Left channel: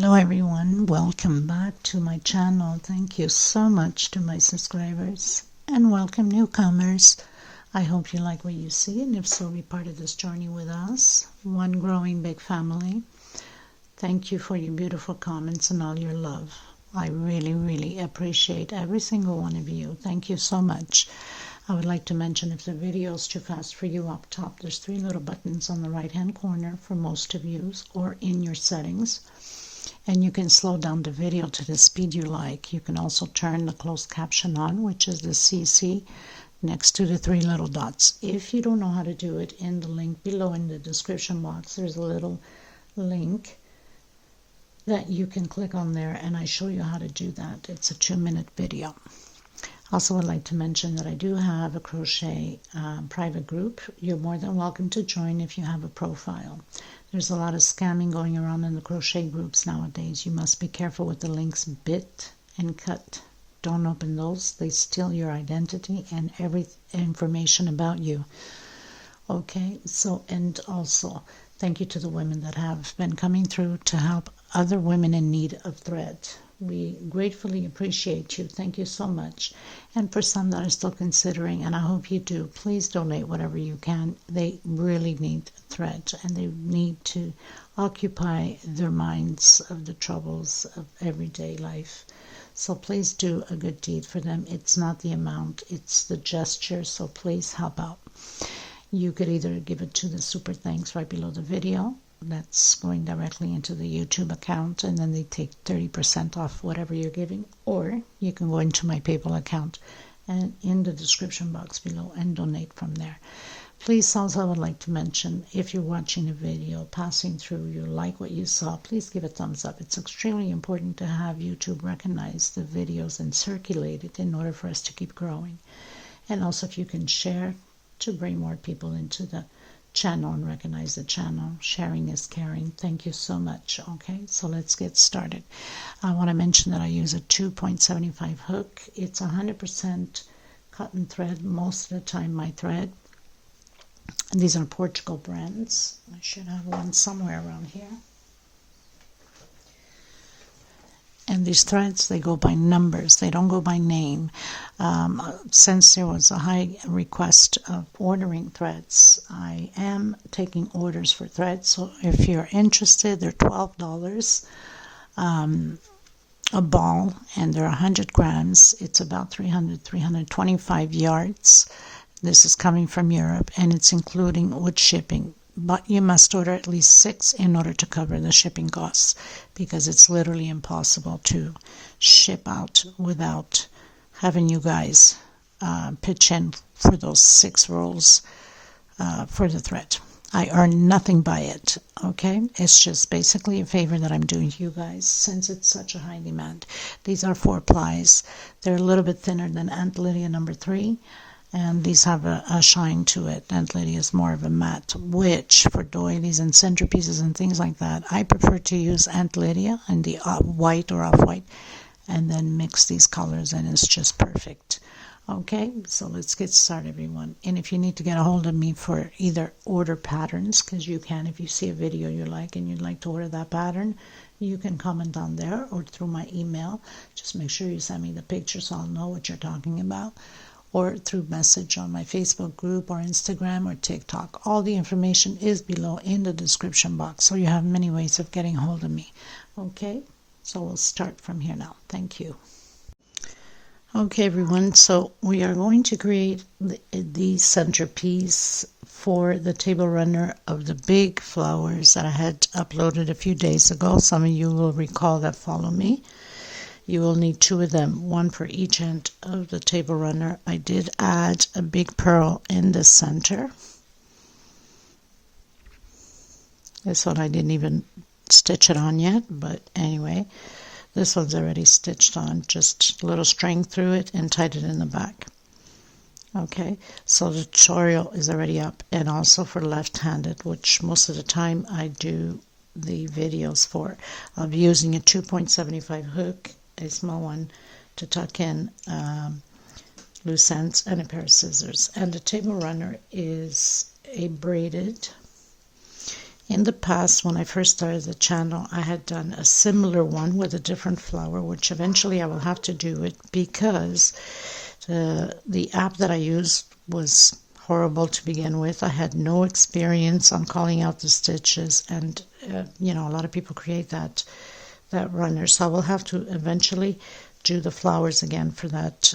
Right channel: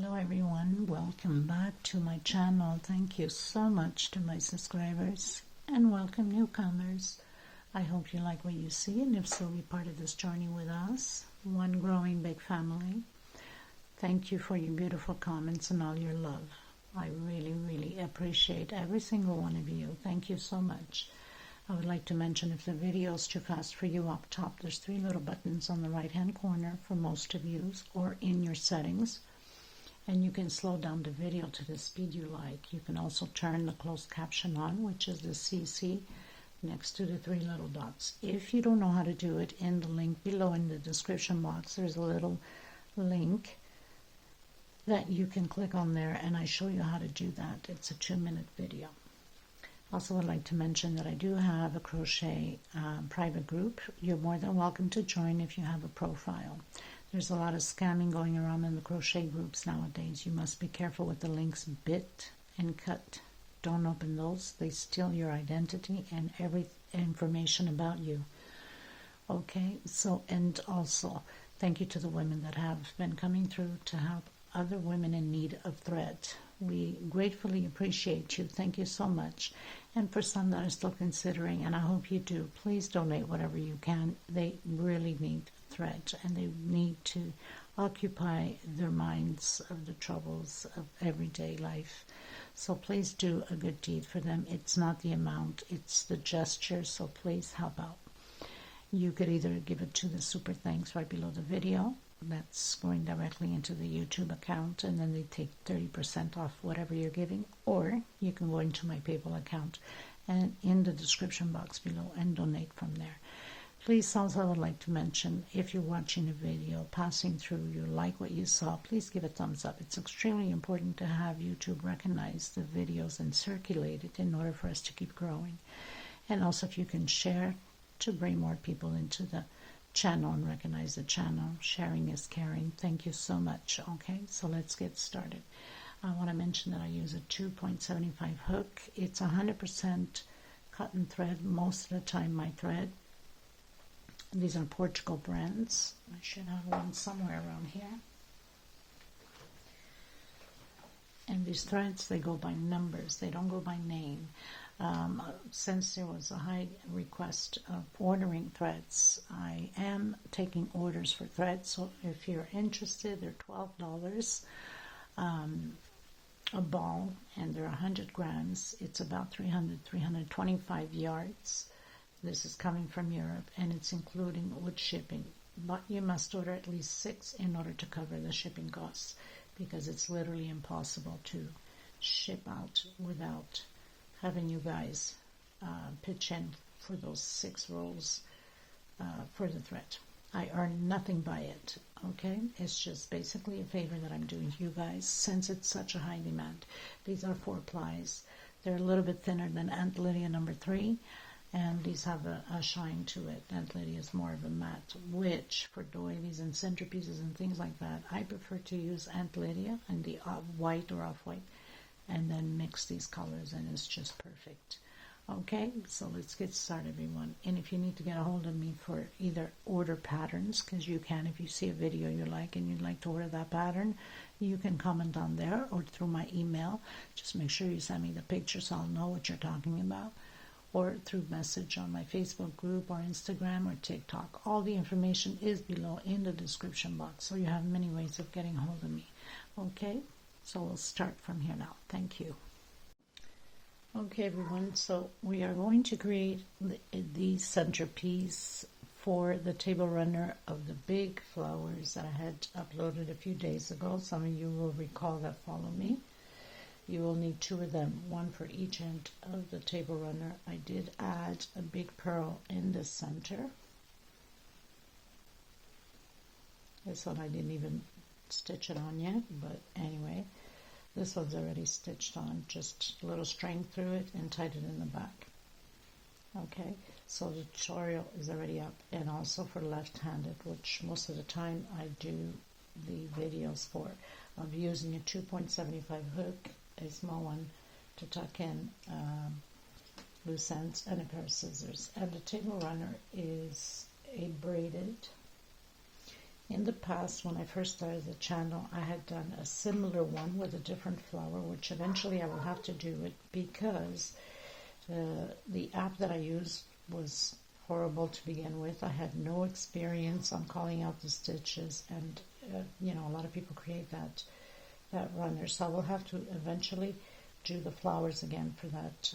Hello everyone, welcome back to my channel. Thank you so much to my subscribers and welcome newcomers. I hope you like what you see, and if so, be part of this journey with us, one growing big family. Thank you for your beautiful comments and all your love. I really appreciate every single one of you. Thank you so much. I would like to mention, if the video is too fast for you, up top there's 3 little buttons on the right hand corner for most of you, or in your settings. And you can slow down the video to the speed you like. You can also turn the closed caption on, which is the CC next to the 3 little dots. If you don't know how to do it, in the link below in the description box, there's a little link that you can click on there, and I show you how to do that. It's a 2-minute video. Also, would like to mention that I do have a crochet private group. You're more than welcome to join if you have a profile. There's a lot of scamming going around in the crochet groups nowadays. You must be careful with the links bit and cut. Don't open those. They steal your identity and every information about you. Okay, so, and also thank you to the women that have been coming through to help other women in need of thread. We gratefully appreciate you. Thank you so much. And for some that are still considering, and I hope you do, please donate whatever you can. They really need thread, and they need to occupy their minds of the troubles of everyday life. So please do a good deed for them. It's not the amount, it's the gesture. So please help out. You could either give it to the super thanks right below the video. That's going directly into the YouTube account, and then they take 30% off whatever you're giving, or you can go into my PayPal account and in the description box below and donate from there. Please, also, I would like to mention, if you're watching a video, passing through, you like what you saw, please give a thumbs up. It's extremely important to have YouTube recognize the videos and circulate it in order for us to keep growing. And also, if you can share to bring more people into the channel and recognize the channel. Sharing is caring. Thank you so much. Okay, so let's get started. I want to mention that I use a 2.75 hook. It's 100% cotton thread most of the time, my thread. And these are Portugal brands. I should have one somewhere around here. And these threads, they go by numbers. They don't go by name. Since there was a high request of ordering threads, I am taking orders for threads. So if you're interested, they're $12 a ball, and they're 100 grams. It's about 325 yards. This is coming from Europe, and it's including with shipping. But you must order at least 6 in order to cover the shipping costs, because it's literally impossible to ship out without having you guys pitch in for those 6 rolls for the thread. I earn nothing by it, okay? It's just basically a favor that I'm doing to you guys since it's such a high demand. These are 4 plies. They're a little bit thinner than Aunt Lydia number 3. And these have a shine to it. Aunt Lydia is more of a matte, which for doilies and centerpieces and things like that, I prefer to use Aunt Lydia in the white or off-white, and then mix these colors, and it's just perfect. Okay, so let's get started, everyone. And if you need to get a hold of me for either order patterns, because you can, if you see a video you like and you'd like to order that pattern, you can comment on there or through my email. Just make sure you send me the picture so I'll know what you're talking about, or through message on my Facebook group or Instagram or TikTok. All the information is below in the description box, so you have many ways of getting hold of me. Okay, so we'll start from here now. Thank you. Okay, everyone, so we are going to create the centerpiece for the table runner of the big flowers that I had uploaded a few days ago. Some of you will recall that follow me. You will need 2 of them, 1 for each end of the table runner. I did add a big pearl in the center. This one I didn't even stitch it on yet, but anyway, this one's already stitched on. Just a little string through it and tied it in the back. Okay, so the tutorial is already up, and also for left-handed, which most of the time I do the videos for. I'll be using a 2.75 hook, a small one, to tuck in loose ends, and a pair of scissors. And the table runner is a braided, In the past, when I first started the channel, I had done a similar one with a different flower, which eventually I will have to do it because the app that I used was horrible to begin with. I had no experience on calling out the stitches, and you know, a lot of people create that runner, so I will have to eventually do the flowers again for that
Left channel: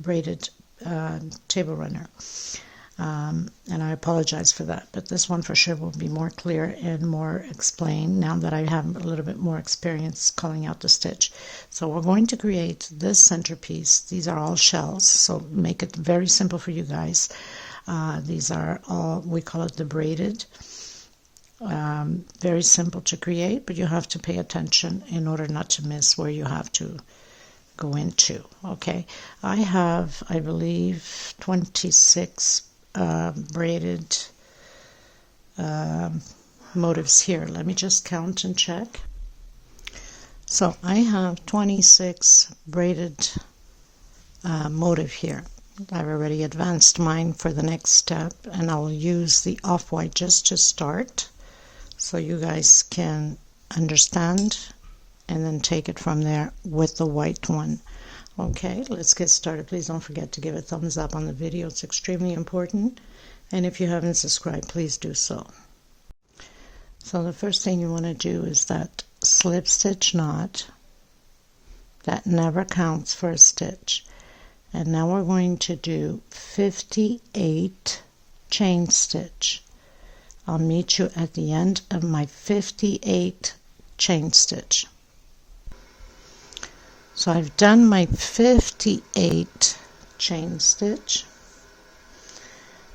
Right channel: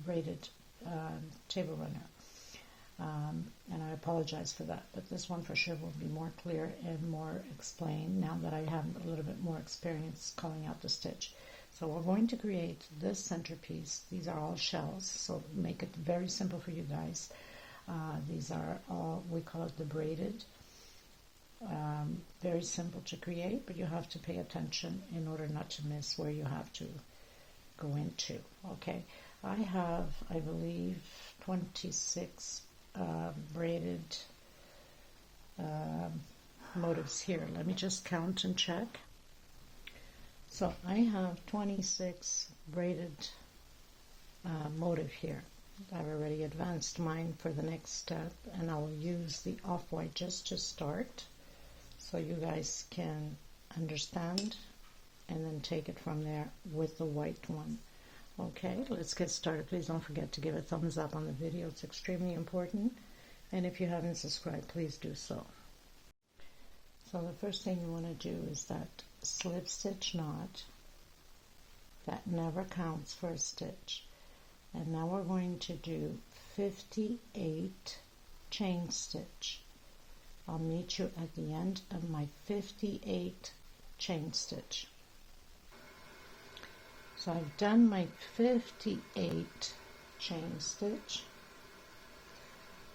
braided table runner. And I apologize for that, but this one for sure will be more clear and more explained now that I have a little bit more experience calling out the stitch. So we're going to create this centerpiece. These are all shells, so make it very simple for you guys. These are all, we call it the braided. Very simple to create, but you have to pay attention in order not to miss where you have to go into. Okay, I have, I believe, 26 braided motifs here. Let me just count and check. So I have 26 braided motif here. I've already advanced mine for the next step, and I'll use the off-white just to start so you guys can understand and then take it from there with the white one. Okay, let's get started. Please don't forget to give a thumbs up on the video. It's extremely important. And if you haven't subscribed, please do so. So the first thing you want to do is that slip stitch knot. That never counts for a stitch. And now we're going to do 58 chain stitch. I'll meet you at the end of my 58 chain stitch. So I've done my 58 chain stitch.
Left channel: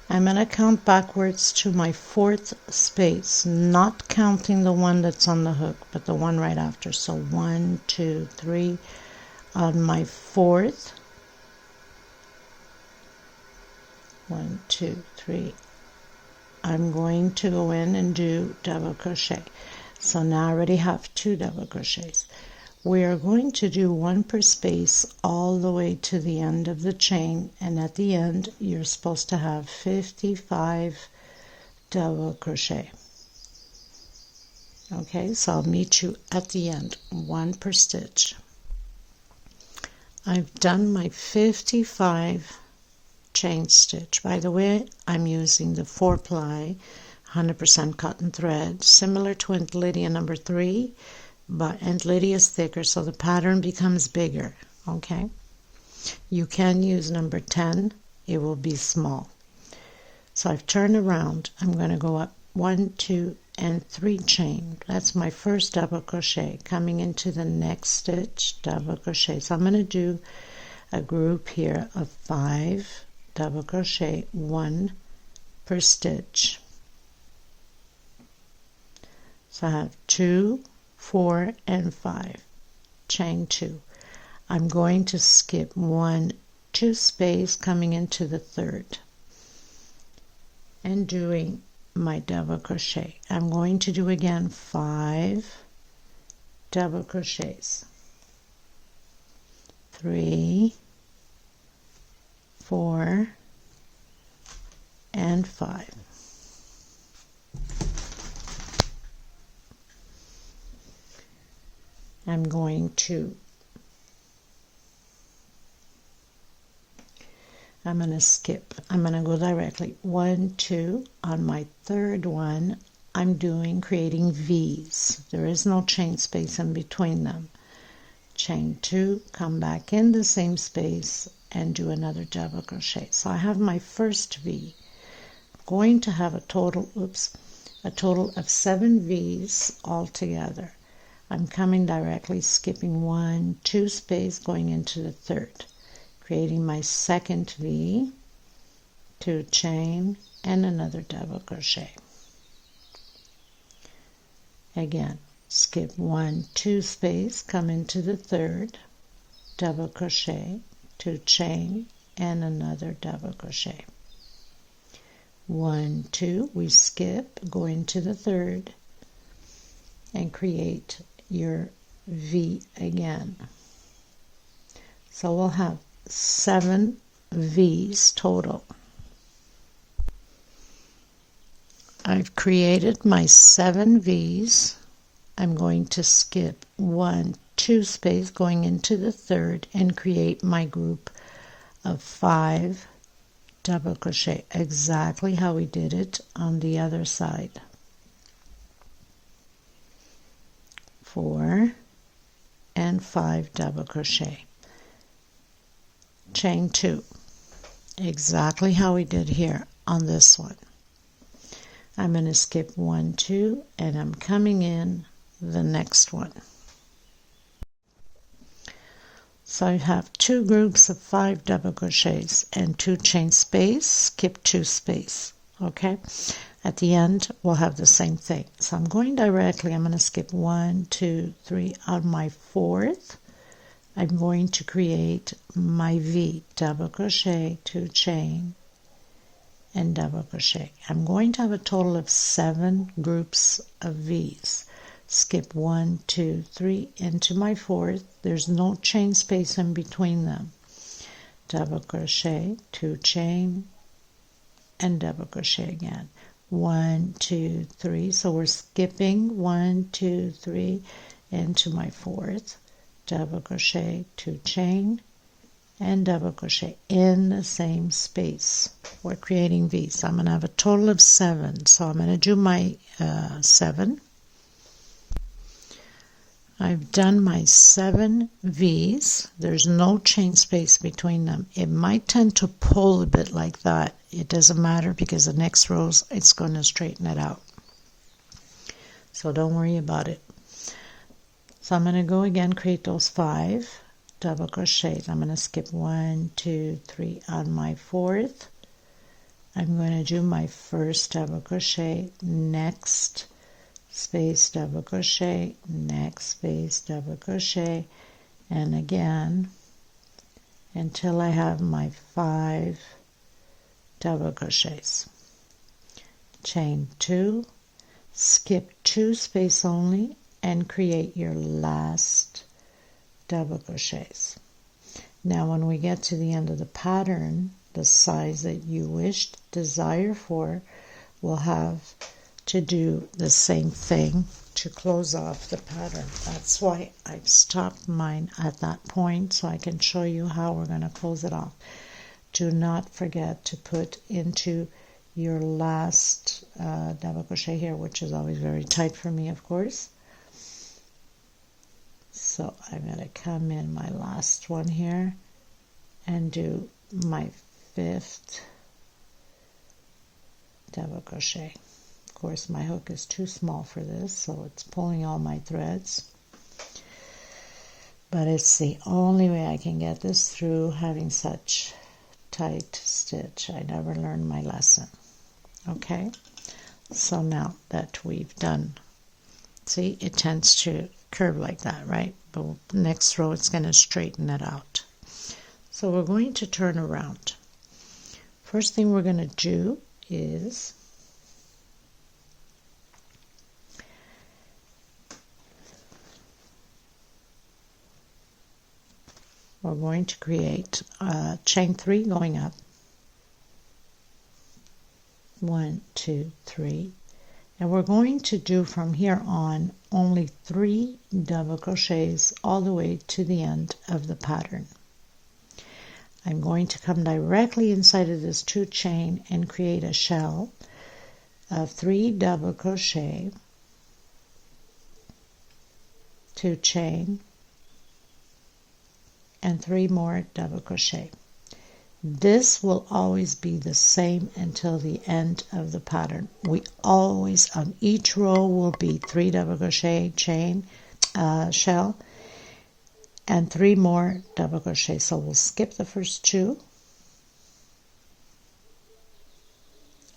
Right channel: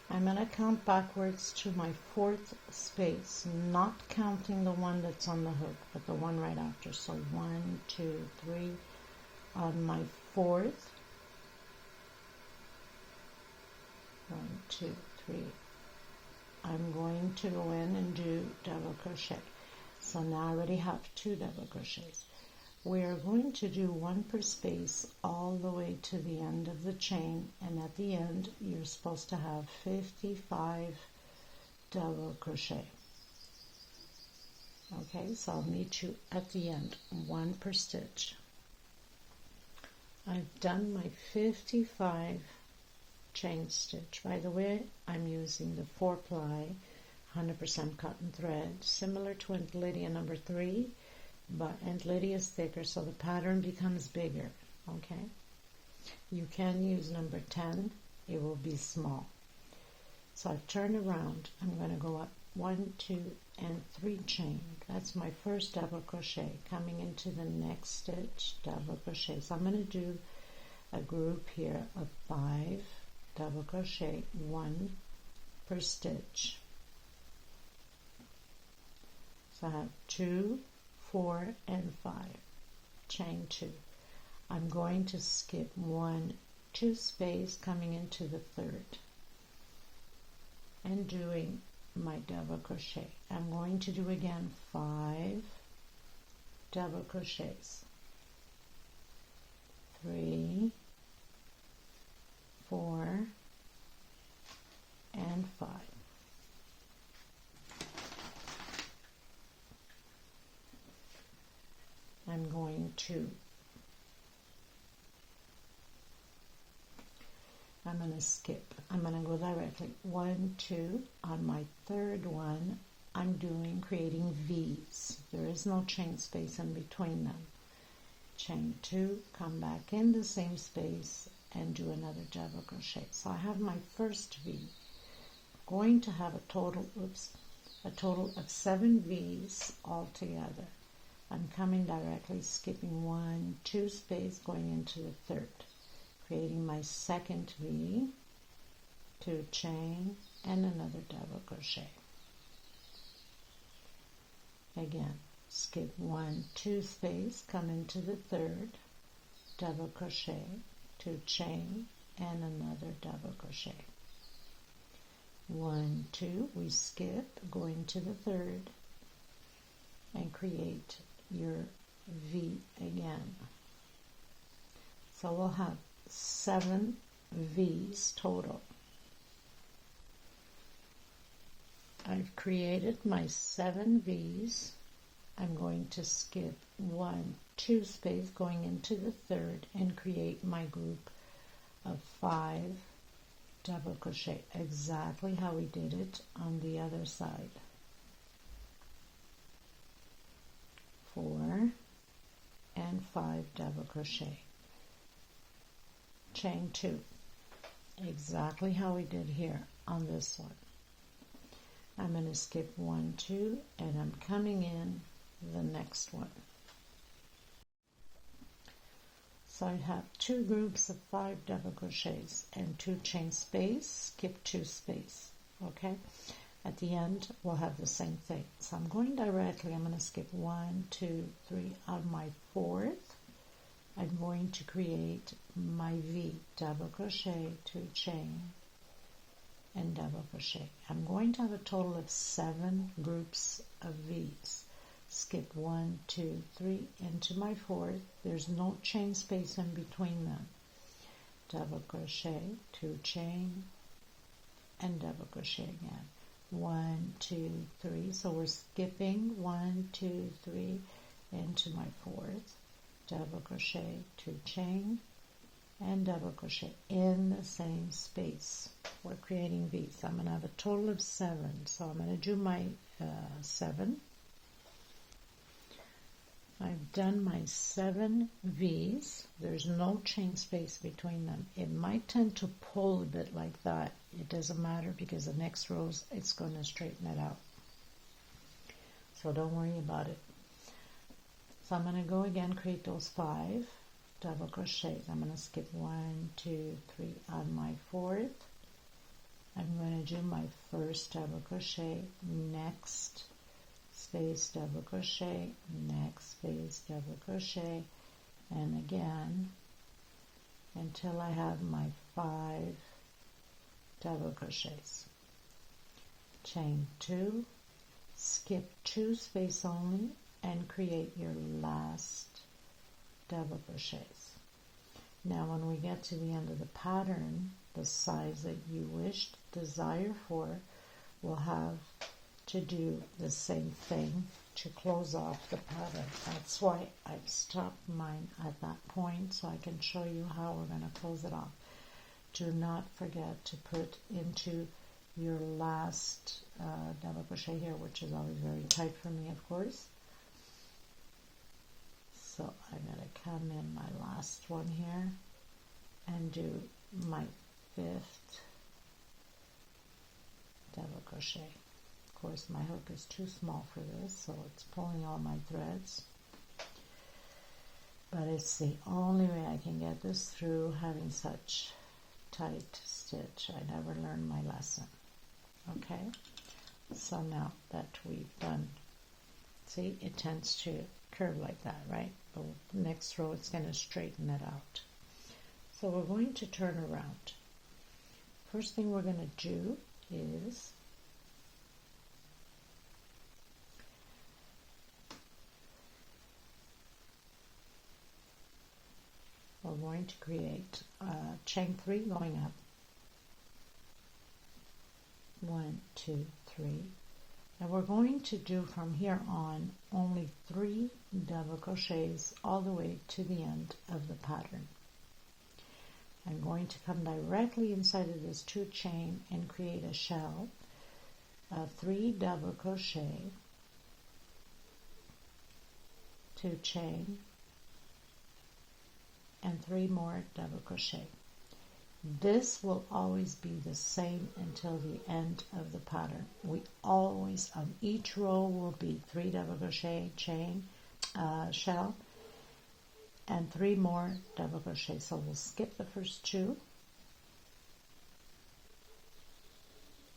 I'm going to count backwards to my 4th space, not counting the one that's on the hook, but the one right after. So 1, 2, 3 on my 4th. 1, 2, 3. I'm going to go in and do double crochet. So now I already have 2 double crochets. We are going to do 1 per space all the way to the end of the chain, and at the end you're supposed to have 55 double crochet. Okay, so I'll meet you at the end, 1 per stitch. I've done my 55 chain stitch. By the way, I'm using the 4-ply 100% cotton thread, similar to Aunt Lydia number 3, but Aunt Lydia is thicker, so the pattern becomes bigger. Okay, you can use number 10, it will be small. So I've turned around. I'm going to go up 1, 2, and 3 chain. That's my first double crochet. Coming into the next stitch, double crochet. So I'm going to do a group here of 5 double crochet, 1 per stitch. So I have 2, 4, and 5. Chain 2. I'm going to skip 1, 2 space coming into the 3rd and doing my double crochet. I'm going to do again 5 double crochets. 3, 4, and 5. I'm going to skip. I'm going to go directly 1, 2. On my 3rd one, I'm creating V's. There is no chain space in between them. Chain 2, come back in the same space and do another double crochet. So I have my first V. I'm going to have a total of 7 V's altogether. I'm coming directly, skipping 1, 2 space, going into the 3rd, creating my 2nd V, 2 chain, and another double crochet. Again, skip 1, 2 space, come into the 3rd, double crochet, 2 chain, and another double crochet. 1, 2, we skip, go into the 3rd, and create your V again. So we'll have 7 V's total. I've created my 7 V's. I'm going to skip 1, 2 space going into the third and create my group of 5 double crochet, exactly how we did it on the other side. 4 and 5 double crochet, chain 2, exactly how we did here on this one. I'm going to skip 1, 2, and I'm coming in the next one. So I have 2 groups of 5 double crochets and 2 chain space, skip 2 space. Okay, at the end we'll have the same thing. So I'm going directly, I'm going to skip 1, 2, 3 on my 4th. I'm going to create my V, double crochet, 2 chain, and double crochet. I'm going to have a total of 7 groups of V's. Skip 1, 2, 3 into my 4th. There's no chain space in between them. Double crochet, 2 chain, and double crochet again. 1, 2, 3. So we're skipping 1, 2, 3 into my 4th. Double crochet, 2 chain, and double crochet in the same space. We're creating V's. So I'm going to have a total of 7. So I'm going to do my 7. I've done my 7 V's. There's no chain space between them. It might tend to pull a bit like that. It doesn't matter because the next rows it's going to straighten it out. So don't worry about it. So I'm going to go again, create those 5 double crochets. I'm going to skip 1, 2, 3 on my 4th. I'm going to do my first double crochet, next space double crochet, next space double crochet, and again until I have my 5 double crochets. Chain 2, skip 2 space only, and create your last double crochets. Now when we get to the end of the pattern, the size that you desire for, we'll have to do the same thing to close off the pattern. That's why I've stopped mine at that point so I can show you how we're going to close it off. Do not forget to put into your last double crochet here, which is always very tight for me, of course. So I'm going to come in my last one here and do my 5th double crochet. Of course, my hook is too small for this, so it's pulling all my threads. But it's the only way I can get this through having such tight stitch. I never learned my lesson. Okay, so now that we've done, see, it tends to curve like that, right? But the next row it's going to straighten it out. So we're going to turn around. First thing we're going to do is we're going to create chain 3 going up. 1, 2, 3. And we're going to do from here on only 3 double crochets all the way to the end of the pattern. I'm going to come directly inside of this 2 chain and create a shell of 3 double crochet, 2 chain, and 3 more double crochet. This will always be the same until the end of the pattern. We always, on each row, will be 3 double crochet, chain, shell, and 3 more double crochet. So we'll skip the first 2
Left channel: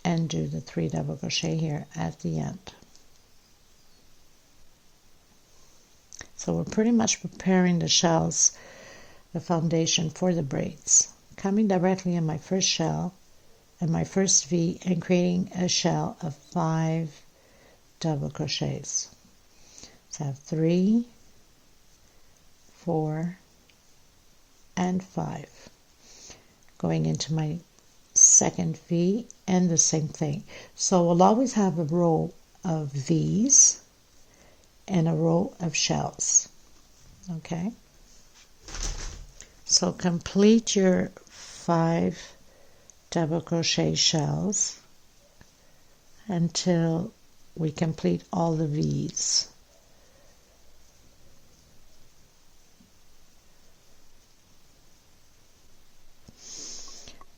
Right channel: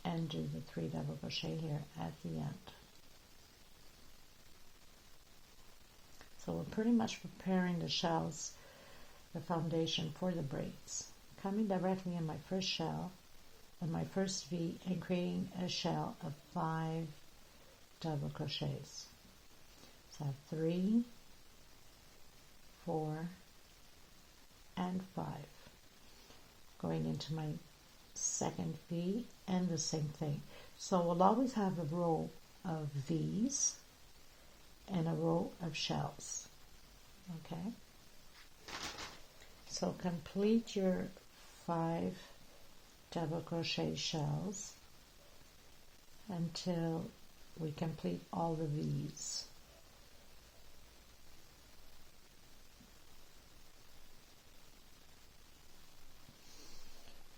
and do the 3 double crochet here at the end. So we're pretty much preparing the shells, the foundation for the braids. Coming directly in my first shell and my first V and creating a shell of 5 double crochets. So I have 3, 4, and 5. Going into my second V, and the same thing. So we'll always have a row of V's and a row of shells. Okay, so complete your 5 double crochet shells until we complete all the V's.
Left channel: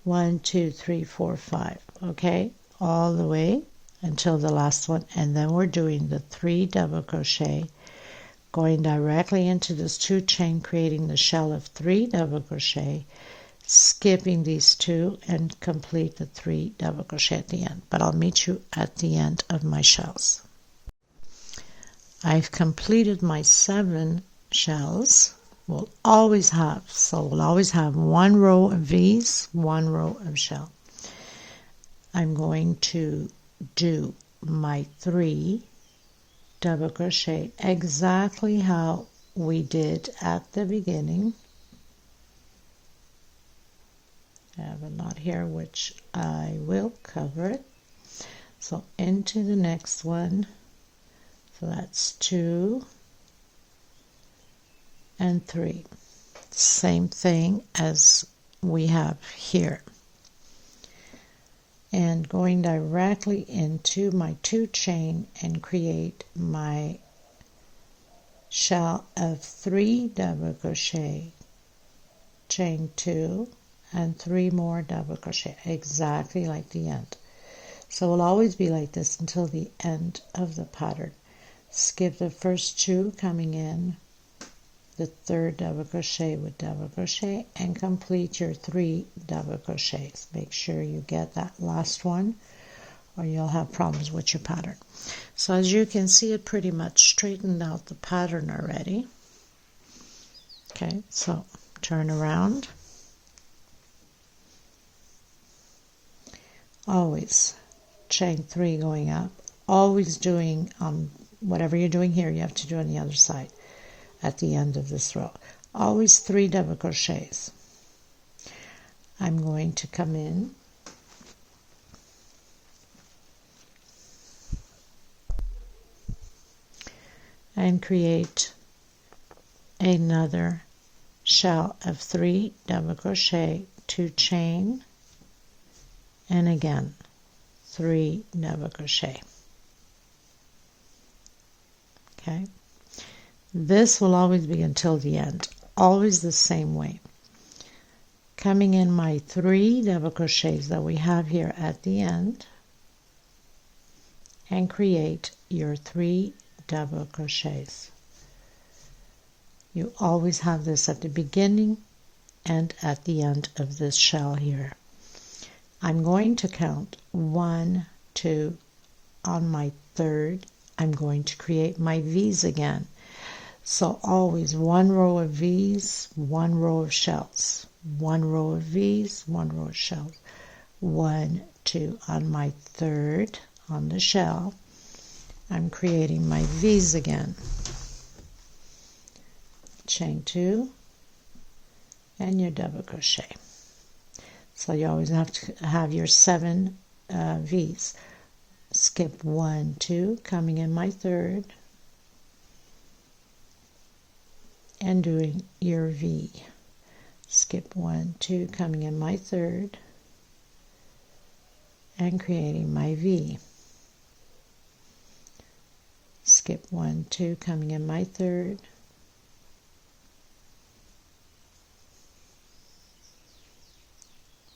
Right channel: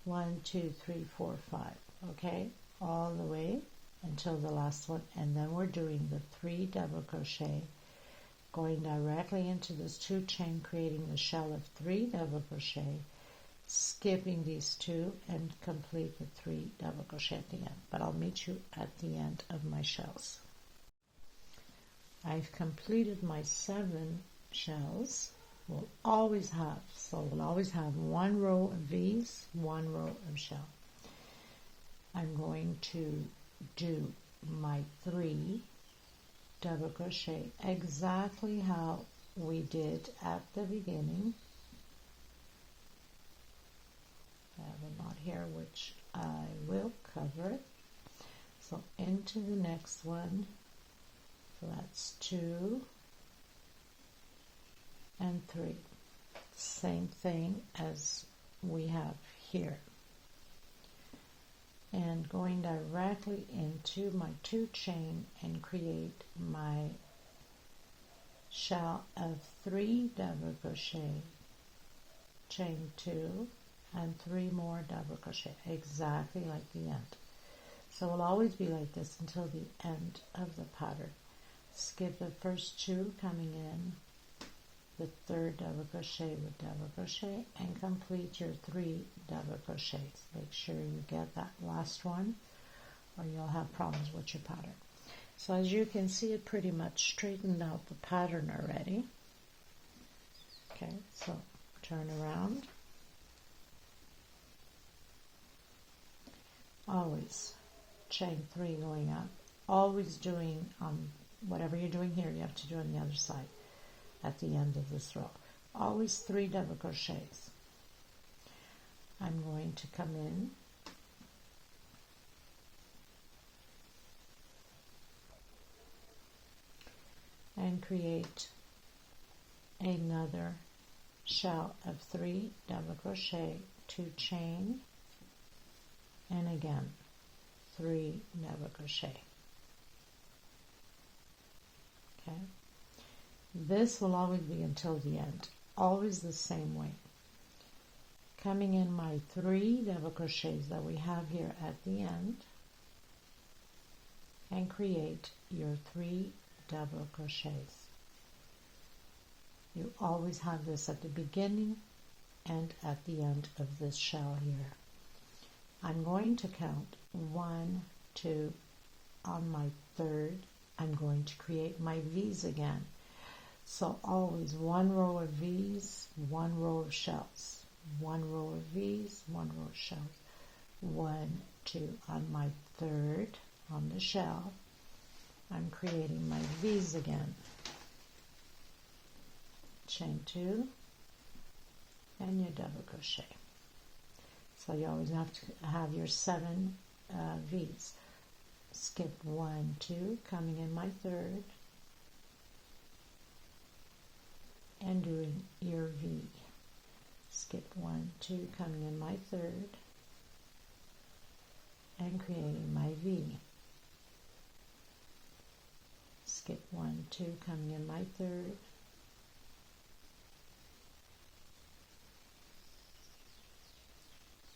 One, two, three, four, five. Okay, all the way until the last one, and then we're doing the 3 double crochet, going directly into this 2 chain, creating the shell of 3 double crochet, skipping these 2, and complete the 3 double crochet at the end. But I'll meet you at the end of my shells. I've completed my 7 shells. We'll always have 1 row of V's, 1 row of shell. I'm going to do my 3 double crochet exactly how we did at the beginning. I have a knot here which I will cover it. So into the next one, so that's 2 and 3, same thing as we have here, and going directly into my 2 chain and create my shell of 3 double crochet, chain 2 and 3 more double crochet, exactly like the end. So it'll always be like this until the end of the pattern. Skip the first 2 coming in, the 3rd double crochet with double crochet, and complete your 3 double crochets. Make sure you get that last one or you'll have problems with your pattern. So as you can see, it pretty much straightened out the pattern already. Okay, so turn around. Always chain 3 going up, always doing whatever you're doing here, you have to do on the other side at the end of this row. Always 3 double crochets. I'm going to come in and create another shell of 3 double crochet, 2 chain, and again 3 double crochet. Okay, this will always be until the end, always the same way. Coming in my 3 double crochets that we have here at the end, and create your 3 double crochets. You always have this at the beginning and at the end of this shell here. I'm going to count 1, 2, on my 3rd, I'm going to create my V's again. So always 1 row of V's, 1 row of shells, 1 row of V's, 1 row of shells, 1, 2 on my 3rd on the shell. I'm creating my V's again. Chain 2 and your double crochet. So you always have to have your 7 V's. Skip 1, 2, coming in my 3rd, and doing your V. Skip 1, 2, coming in my 3rd, and creating my V. Skip 1, 2, coming in my 3rd,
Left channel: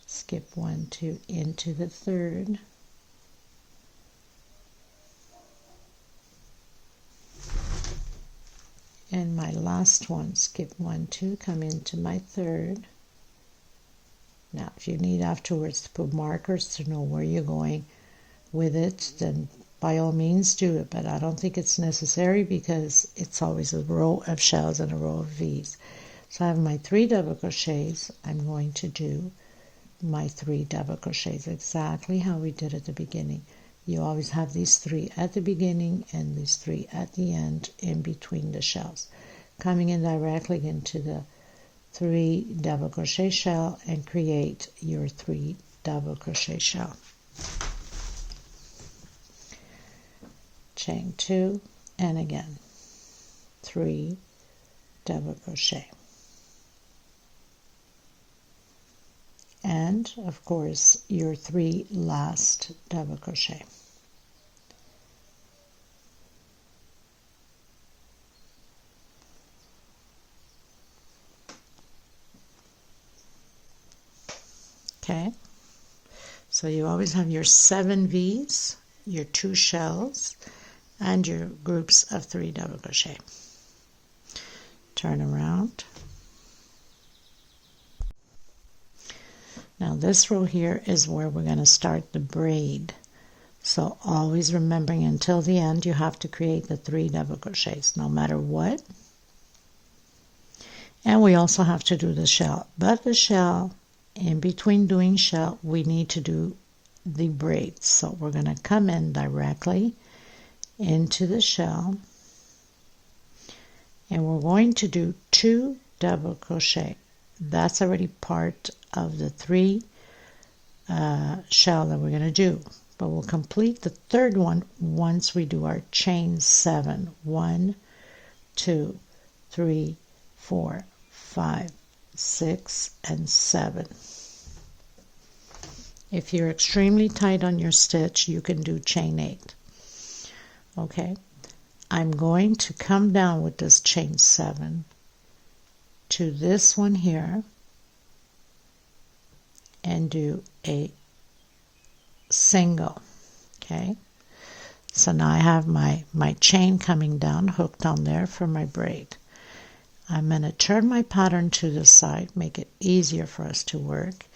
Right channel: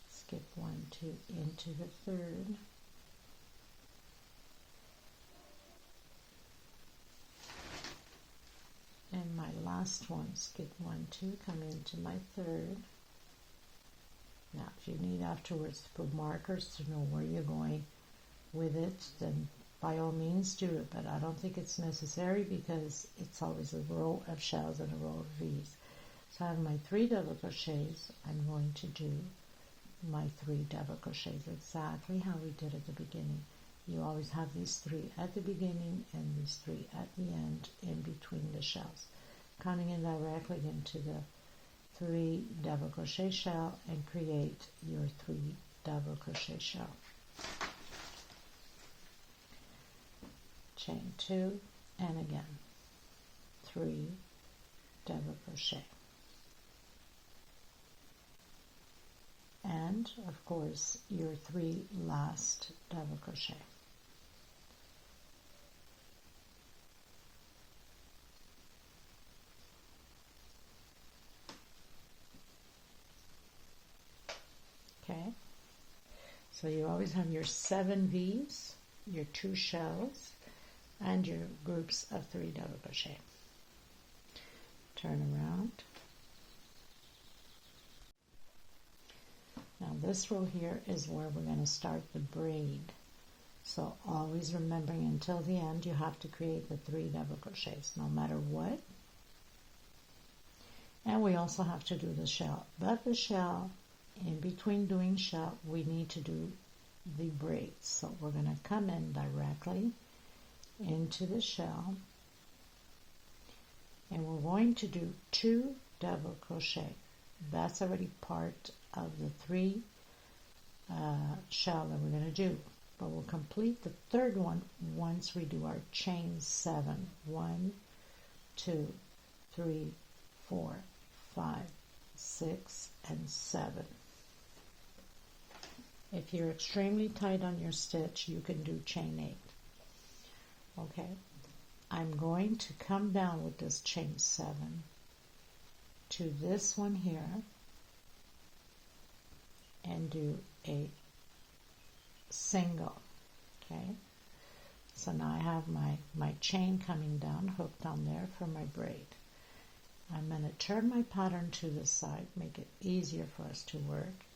skip 1, 2 into the 3rd, and my last one, skip 1, 2, come into my 3rd. Now if you need afterwards to put markers to know where you're going with it, then by all means do it, but I don't think it's necessary because it's always a row of shells and a row of V's. So I have my 3 double crochets. I'm going to do my 3 double crochets exactly how we did at the beginning. You always have these 3 at the beginning and these 3 at the end in between the shells. Coming in directly into the 3 double crochet shell and create your 3 double crochet shell. Chain 2, and again 3 double crochet, and of course your 3 last double crochet. Okay, so you always have your 7 V's, your 2 shells, and your groups of 3 double crochet. Turn around. Now this row here is where we're going to start the braid. So always remembering until the end you have to create the 3 double crochets no matter what. And we also have to do the shell. But the shell, in between doing shell, we need to do the braids. So we're going to come in directly into the shell, and we're going to do 2 double crochet. That's already part of the 3 shell that we're going to do, but we'll complete the 3rd one once we do our chain 7. 1, 2, 3, 4, 5, 6, and 7. If you're extremely tight on your stitch, you can do chain 8. Okay, I'm going to come down with this chain 7 to this one here and do a single. Okay, so now I have my chain coming down, hooked on there for my braid. I'm going to turn my pattern to the side, make it easier for us to work,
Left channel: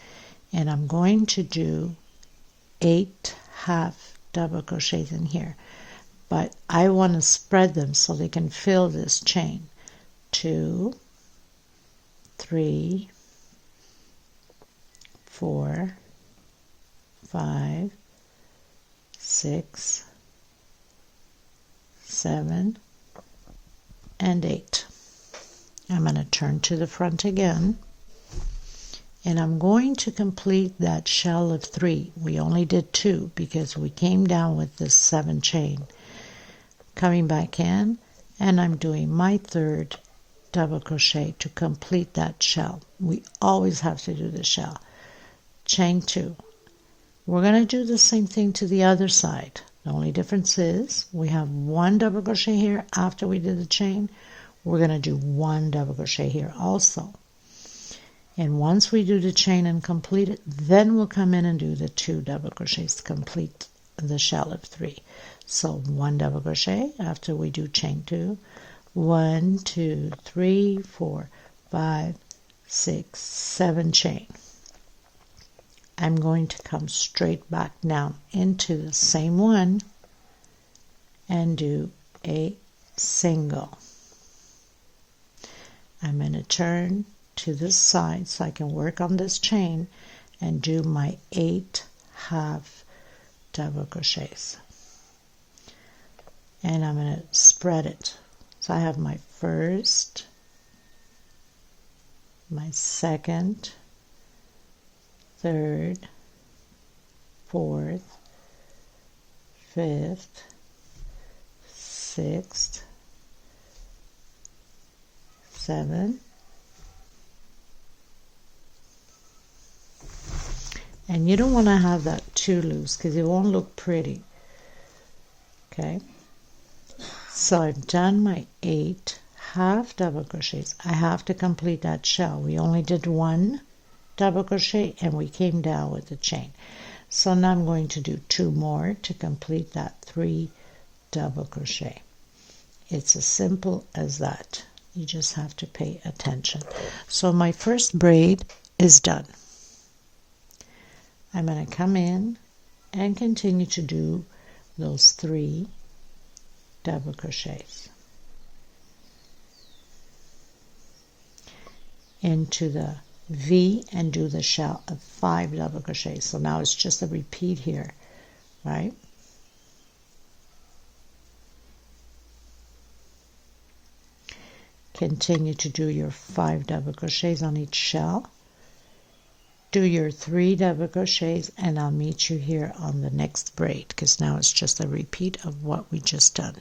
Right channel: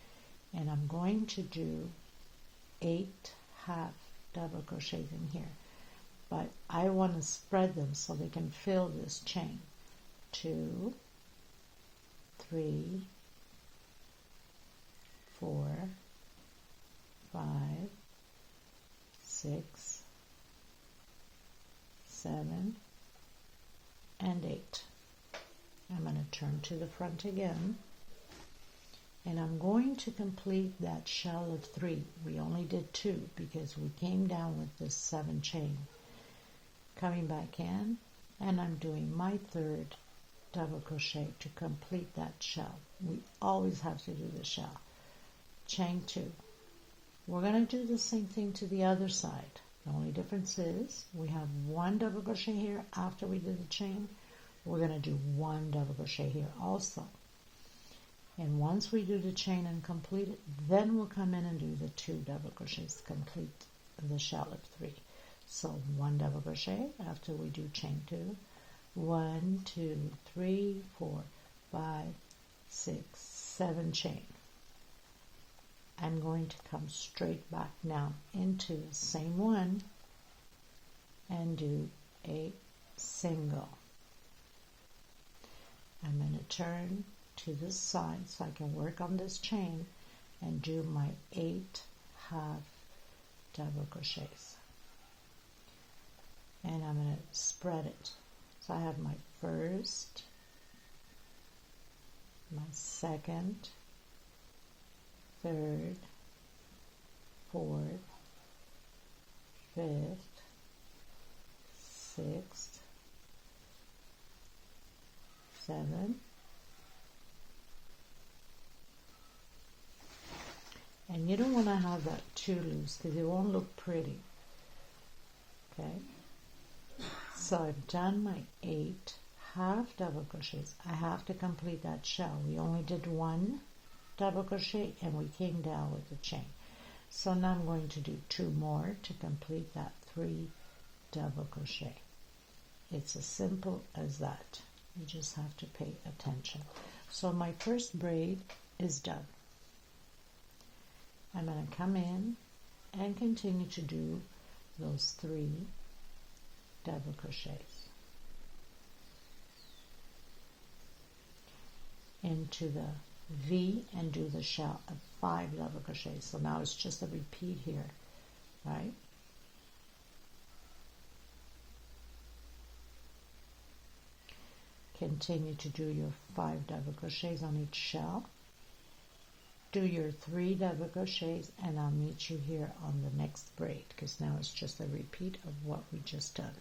and I'm going to do 8 half double crochets in here, but I want to spread them so they can fill this chain. 2, 3, 4, 5, 6, 7, and 8. I'm going to turn to the front again, and I'm going to complete that shell of 3. We only did 2 because we came down with this 7 chain. Coming back in, and I'm doing my 3rd double crochet to complete that shell. We always have to do the shell. Chain 2. We're going to do the same thing to the other side. The only difference is we have 1 double crochet here after we did the chain. We're going to do 1 double crochet here also. And once we do the chain and complete it, then we'll come in and do the 2 double crochets to complete the shell of 3. So 1 double crochet after we do chain 2. 1, 2, 3, 4, 5, 6, 7 chain. I'm going to come straight back down into the same one and do a single. I'm going to turn to this side so I can work on this chain and do my 8 half double crochets. And I'm going to spread it. So I have my 1st, my 2nd, 3rd, 4th, 5th, 6th, 7th, and you don't want to have that too loose because it won't look pretty. Okay, so I've done my 8 half double crochets. I have to complete that shell. We only did 1 double crochet and we came down with the chain. So now I'm going to do 2 more to complete that 3 double crochet. It's as simple as that. You just have to pay attention. So my first braid is done. I'm going to come in and continue to do those 3 double crochets into the V and do the shell of 5 double crochets. So now it's just a repeat here, right? Continue to do your 5 double crochets on each shell, do your 3 double crochets, and I'll meet you here on the next braid, because now it's just a repeat of what we just done.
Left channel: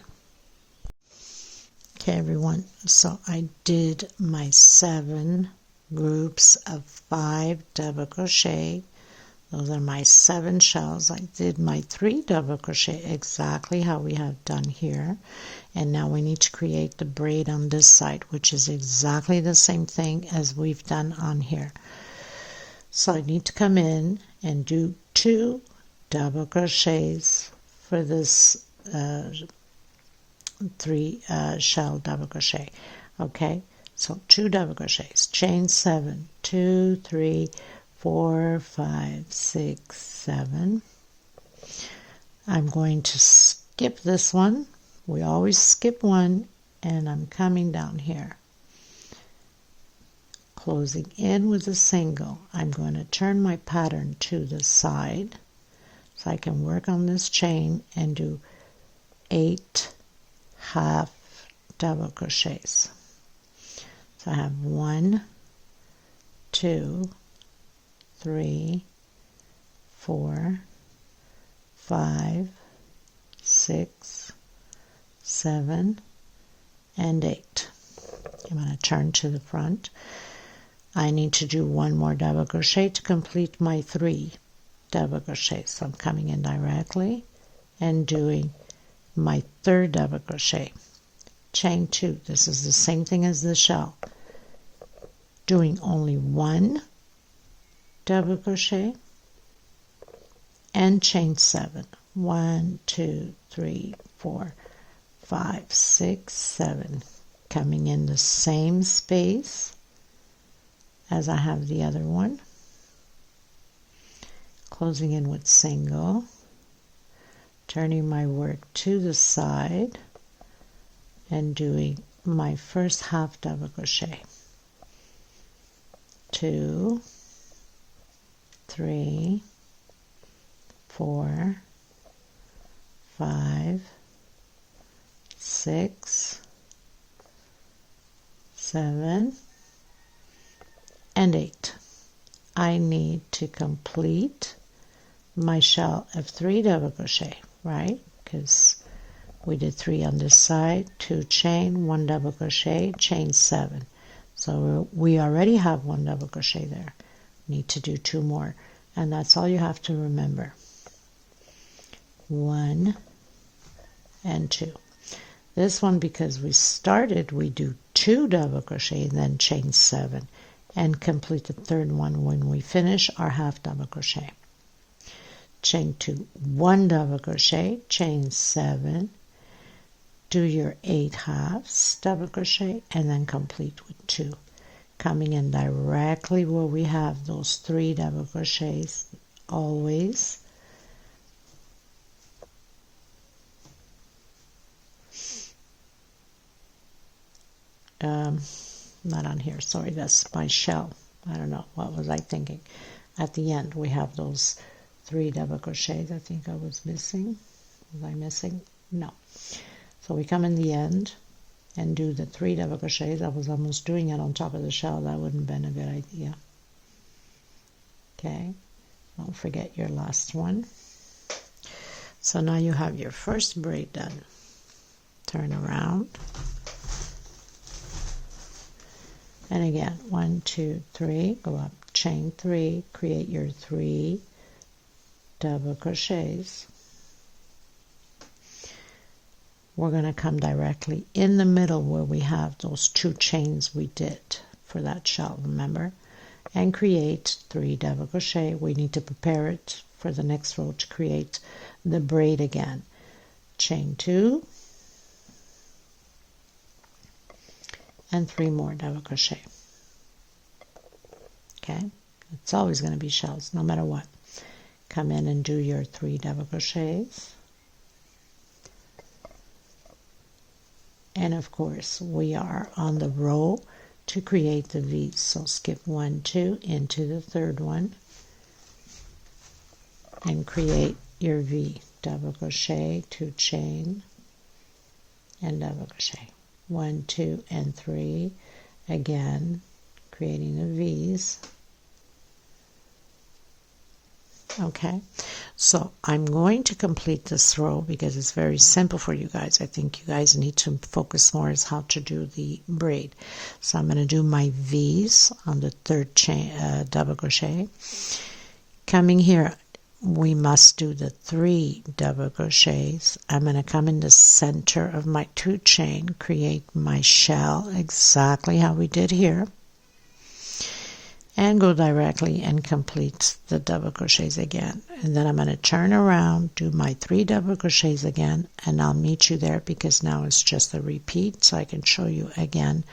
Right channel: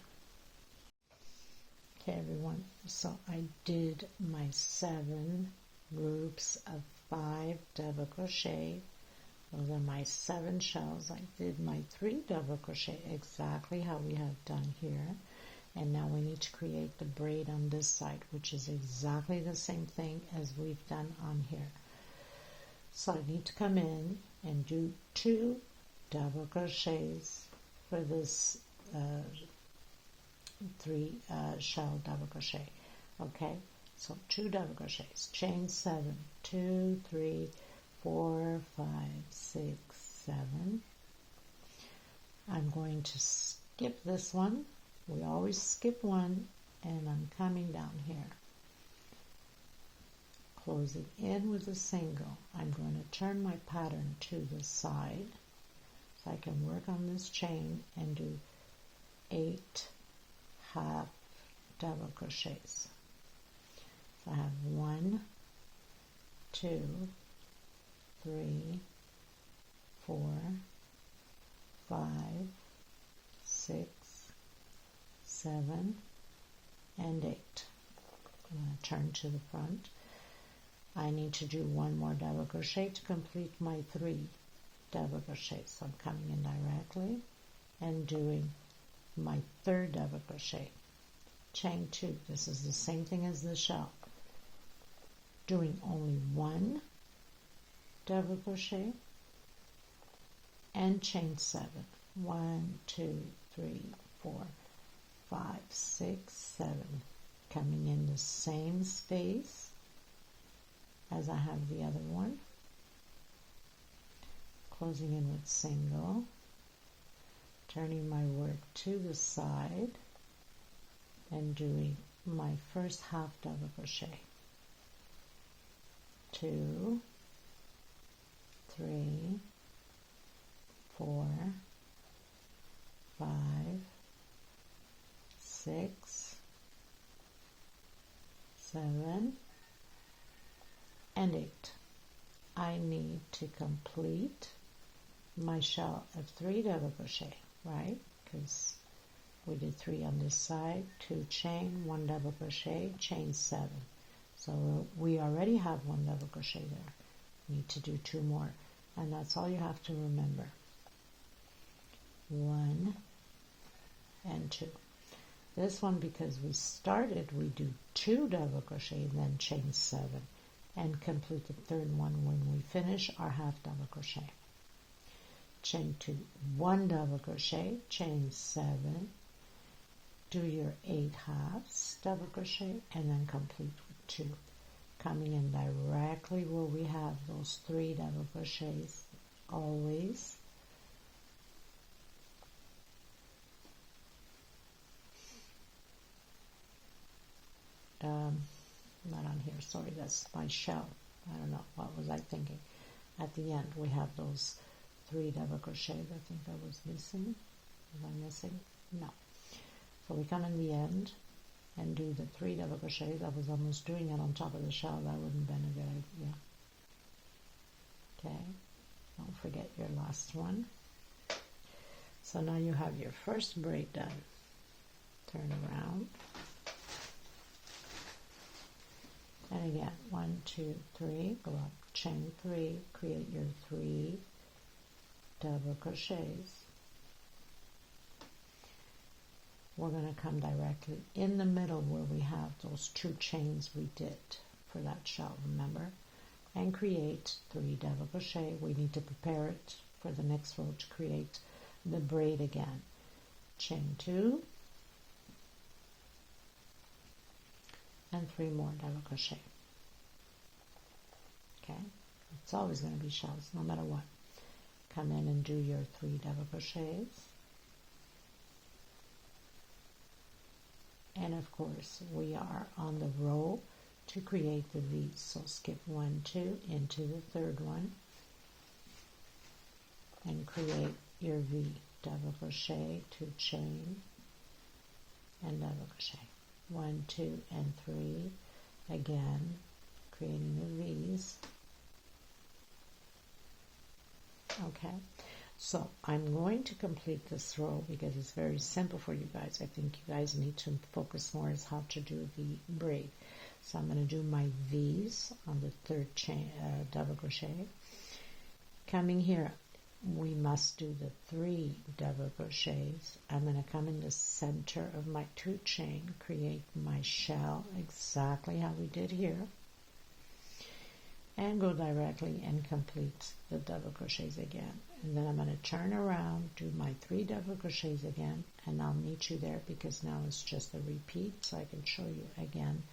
Okay everyone, so I did my 7 groups of 5 double crochet. Those are my 7 shells. I did my 3 double crochet exactly how we have done here, and now we need to create the braid on this side, which is exactly the same thing as we've done on here. So I need to come in and do 2 double crochets for this 3 shell double crochet. Okay, so 2 double crochets, chain 7, 2, 3, 4, 5, 6, 7. I'm going to skip this one. We always skip one, and I'm coming down here, closing in with a single. I'm going to turn my pattern to the side so I can work on this chain and do 8 half double crochets. So I have 1, 2, 3, 4, 5, 6, 7, and 8. I'm going to turn to the front. I need to do 1 more double crochet to complete my 3 double crochets. So I'm coming in directly and doing my 3rd double crochet, chain 2. This is the same thing as the shell, doing only 1 double crochet and chain 7. 1, 2, 3, 4, 5, 6, 7, coming in the same space as I have the other one, closing in with single, turning my work to the side and doing my first half double crochet. 2, 3, 4, 5, 6, 7, and 8. I need to complete my shell of 3 double crochet, right? Because we did 3 on this side, 2 chain, 1 double crochet, chain 7. So we already have 1 double crochet there. Need to do 2 more, and that's all you have to remember. 1 and 2. This one, because we started, we do 2 double crochet, then chain 7, and complete the 3rd one when we finish our half double crochet. Chain 2, 1 double crochet, chain 7, do your 8 halves double crochet, and then complete with 2, coming in directly where we have those 3 double crochets always. Not on here, sorry, that's my shell. I don't know, what was I thinking? At the end we have those 3 double crochets. I think I was missing. Was I missing? No. So we come in the end and do the 3 double crochets. I was almost doing it on top of the shell. That wouldn't have been a good idea. Okay, don't forget your last one. So now you have your first braid done. Turn around. And again, 1, 2, 3, go up, chain 3, create your 3 double crochets. We're going to come directly in the middle where we have those 2 chains we did for that shell, remember? And create 3 double crochet. We need to prepare it for the next row to create the braid again. Chain 2, and 3 more double crochet. Okay, it's always going to be shells no matter what. Come in and do your 3 double crochets, and of course we are on the row to create the V's, so skip 1, 2 into the 3rd one and create your V. Double crochet, 2 chain, and double crochet. 1, 2, and 3, again creating the V's, Okay, so I'm going to complete this row because it's very simple for you guys. I think you guys need to focus more on how to do the braid. So I'm going to do my V's on the third chain double crochet. Coming here, we must do the 3 double crochets. I'm going to come in the center of my 2 chain, create my shell exactly how we did here, and go directly and complete the double crochets again. And then I'm going to turn around, do my 3 double crochets again, and I'll meet you there because now it's just a repeat, so I can show you again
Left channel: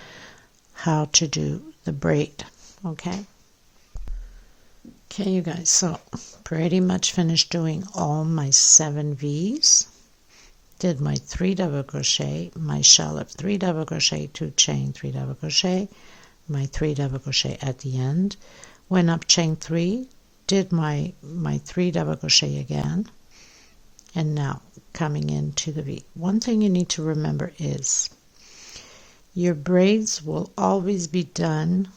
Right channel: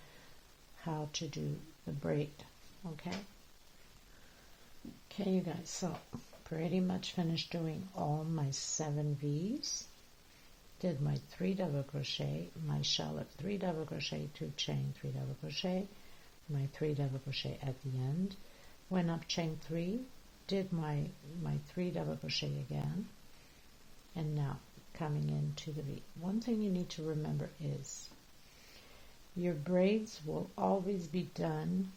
how to do the braid. Okay, you guys, so pretty much finished doing all my 7 V's. Did my 3 double crochet, my shell of 3 double crochet, 2 chain, 3 double crochet, my 3 double crochet at the end, went up chain 3, did my 3 double crochet again, and now coming into the V. One thing you need to remember is your braids will always be done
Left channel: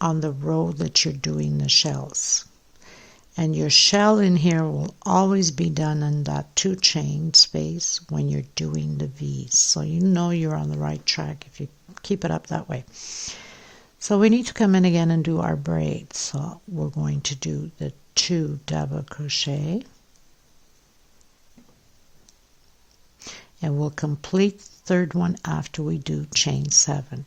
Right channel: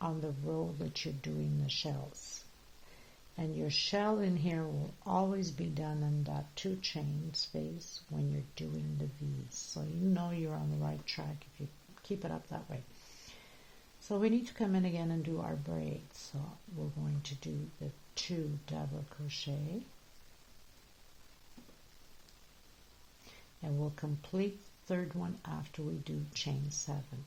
on the row that you're doing the shells, and your shell in here will always be done in that 2 chain space when you're doing the V's, so you know you're on the right track if you keep it up that way. So we need to come in again and do our braid. So we're going to do the 2 double crochet, and we'll complete the third one after we do chain 7.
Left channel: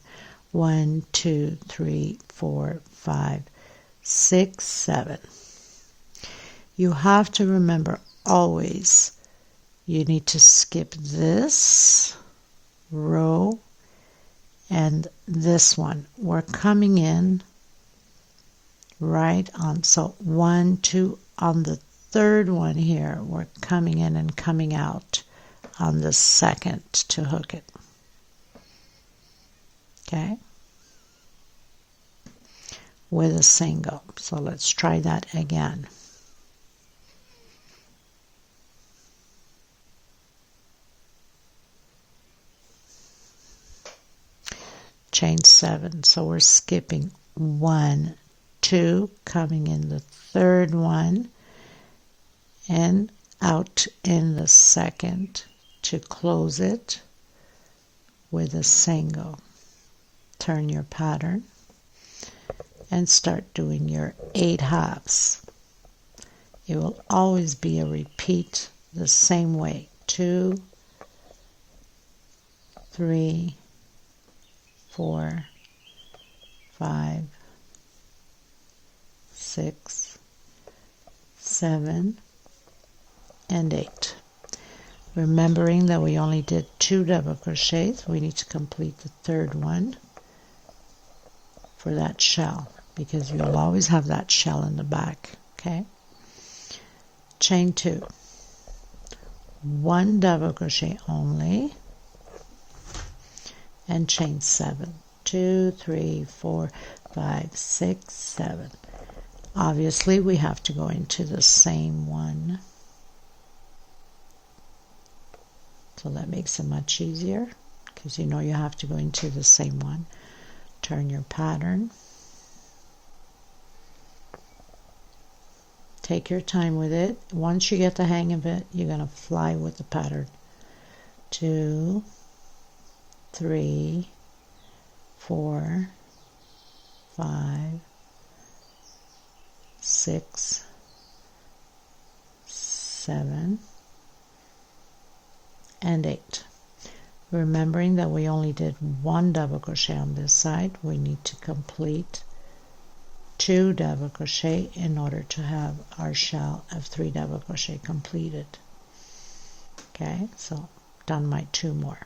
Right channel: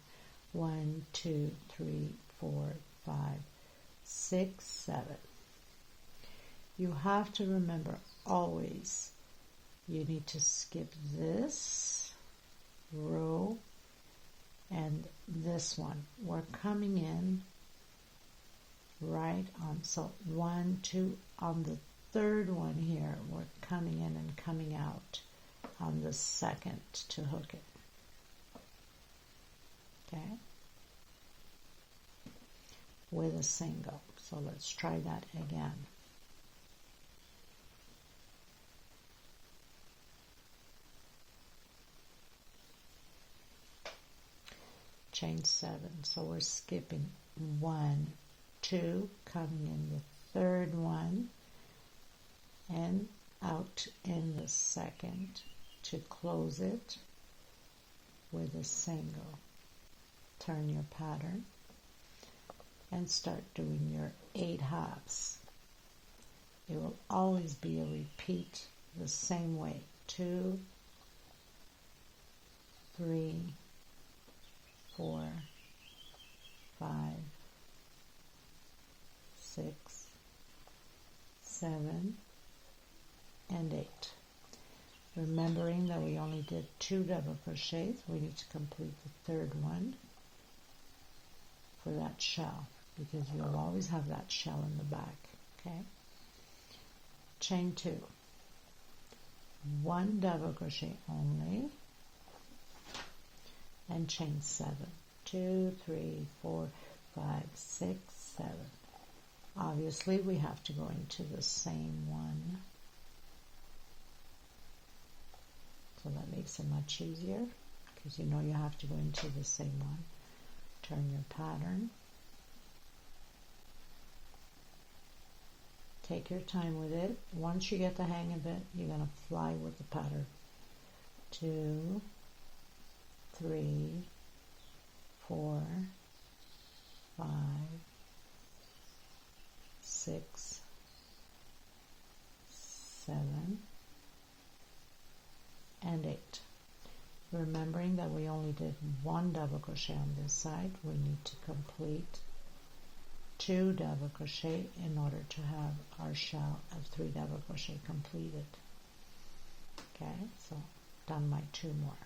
1, 2, 3, 4, 5, 6, 7. You have to remember always you need to skip this row and this one. We're coming in right on, so 1, 2 on the third one here, we're coming in and coming out on the second to hook it. Okay, with a single. So let's try that again. Chain 7, so we're skipping 1, 2, coming in the third one and out in the second to close it with a single. Turn your pattern and start doing your 8 halves. It will always be a repeat the same way. 2, 3, 4, 5, 6, 7, and 8. Remembering that we only did 2 double crochets, we need to complete the third one for that shell because you'll always have that shell in the back. Okay, chain 2, 1 double crochet only, and chain 7. 2, 3, 4, 5, 6, 7. Obviously we have to go into the same one, so that makes it much easier because you know you have to go into the same one. Turn your pattern, take your time with it. Once you get the hang of it, you're going to fly with the pattern. 2, 3, 4, 5, 6, 7, and 8. Remembering that we only did 1 double crochet on this side, we need to complete 2 double crochet in order to have our shell of 3 double crochet completed. Okay, so done my 2 more.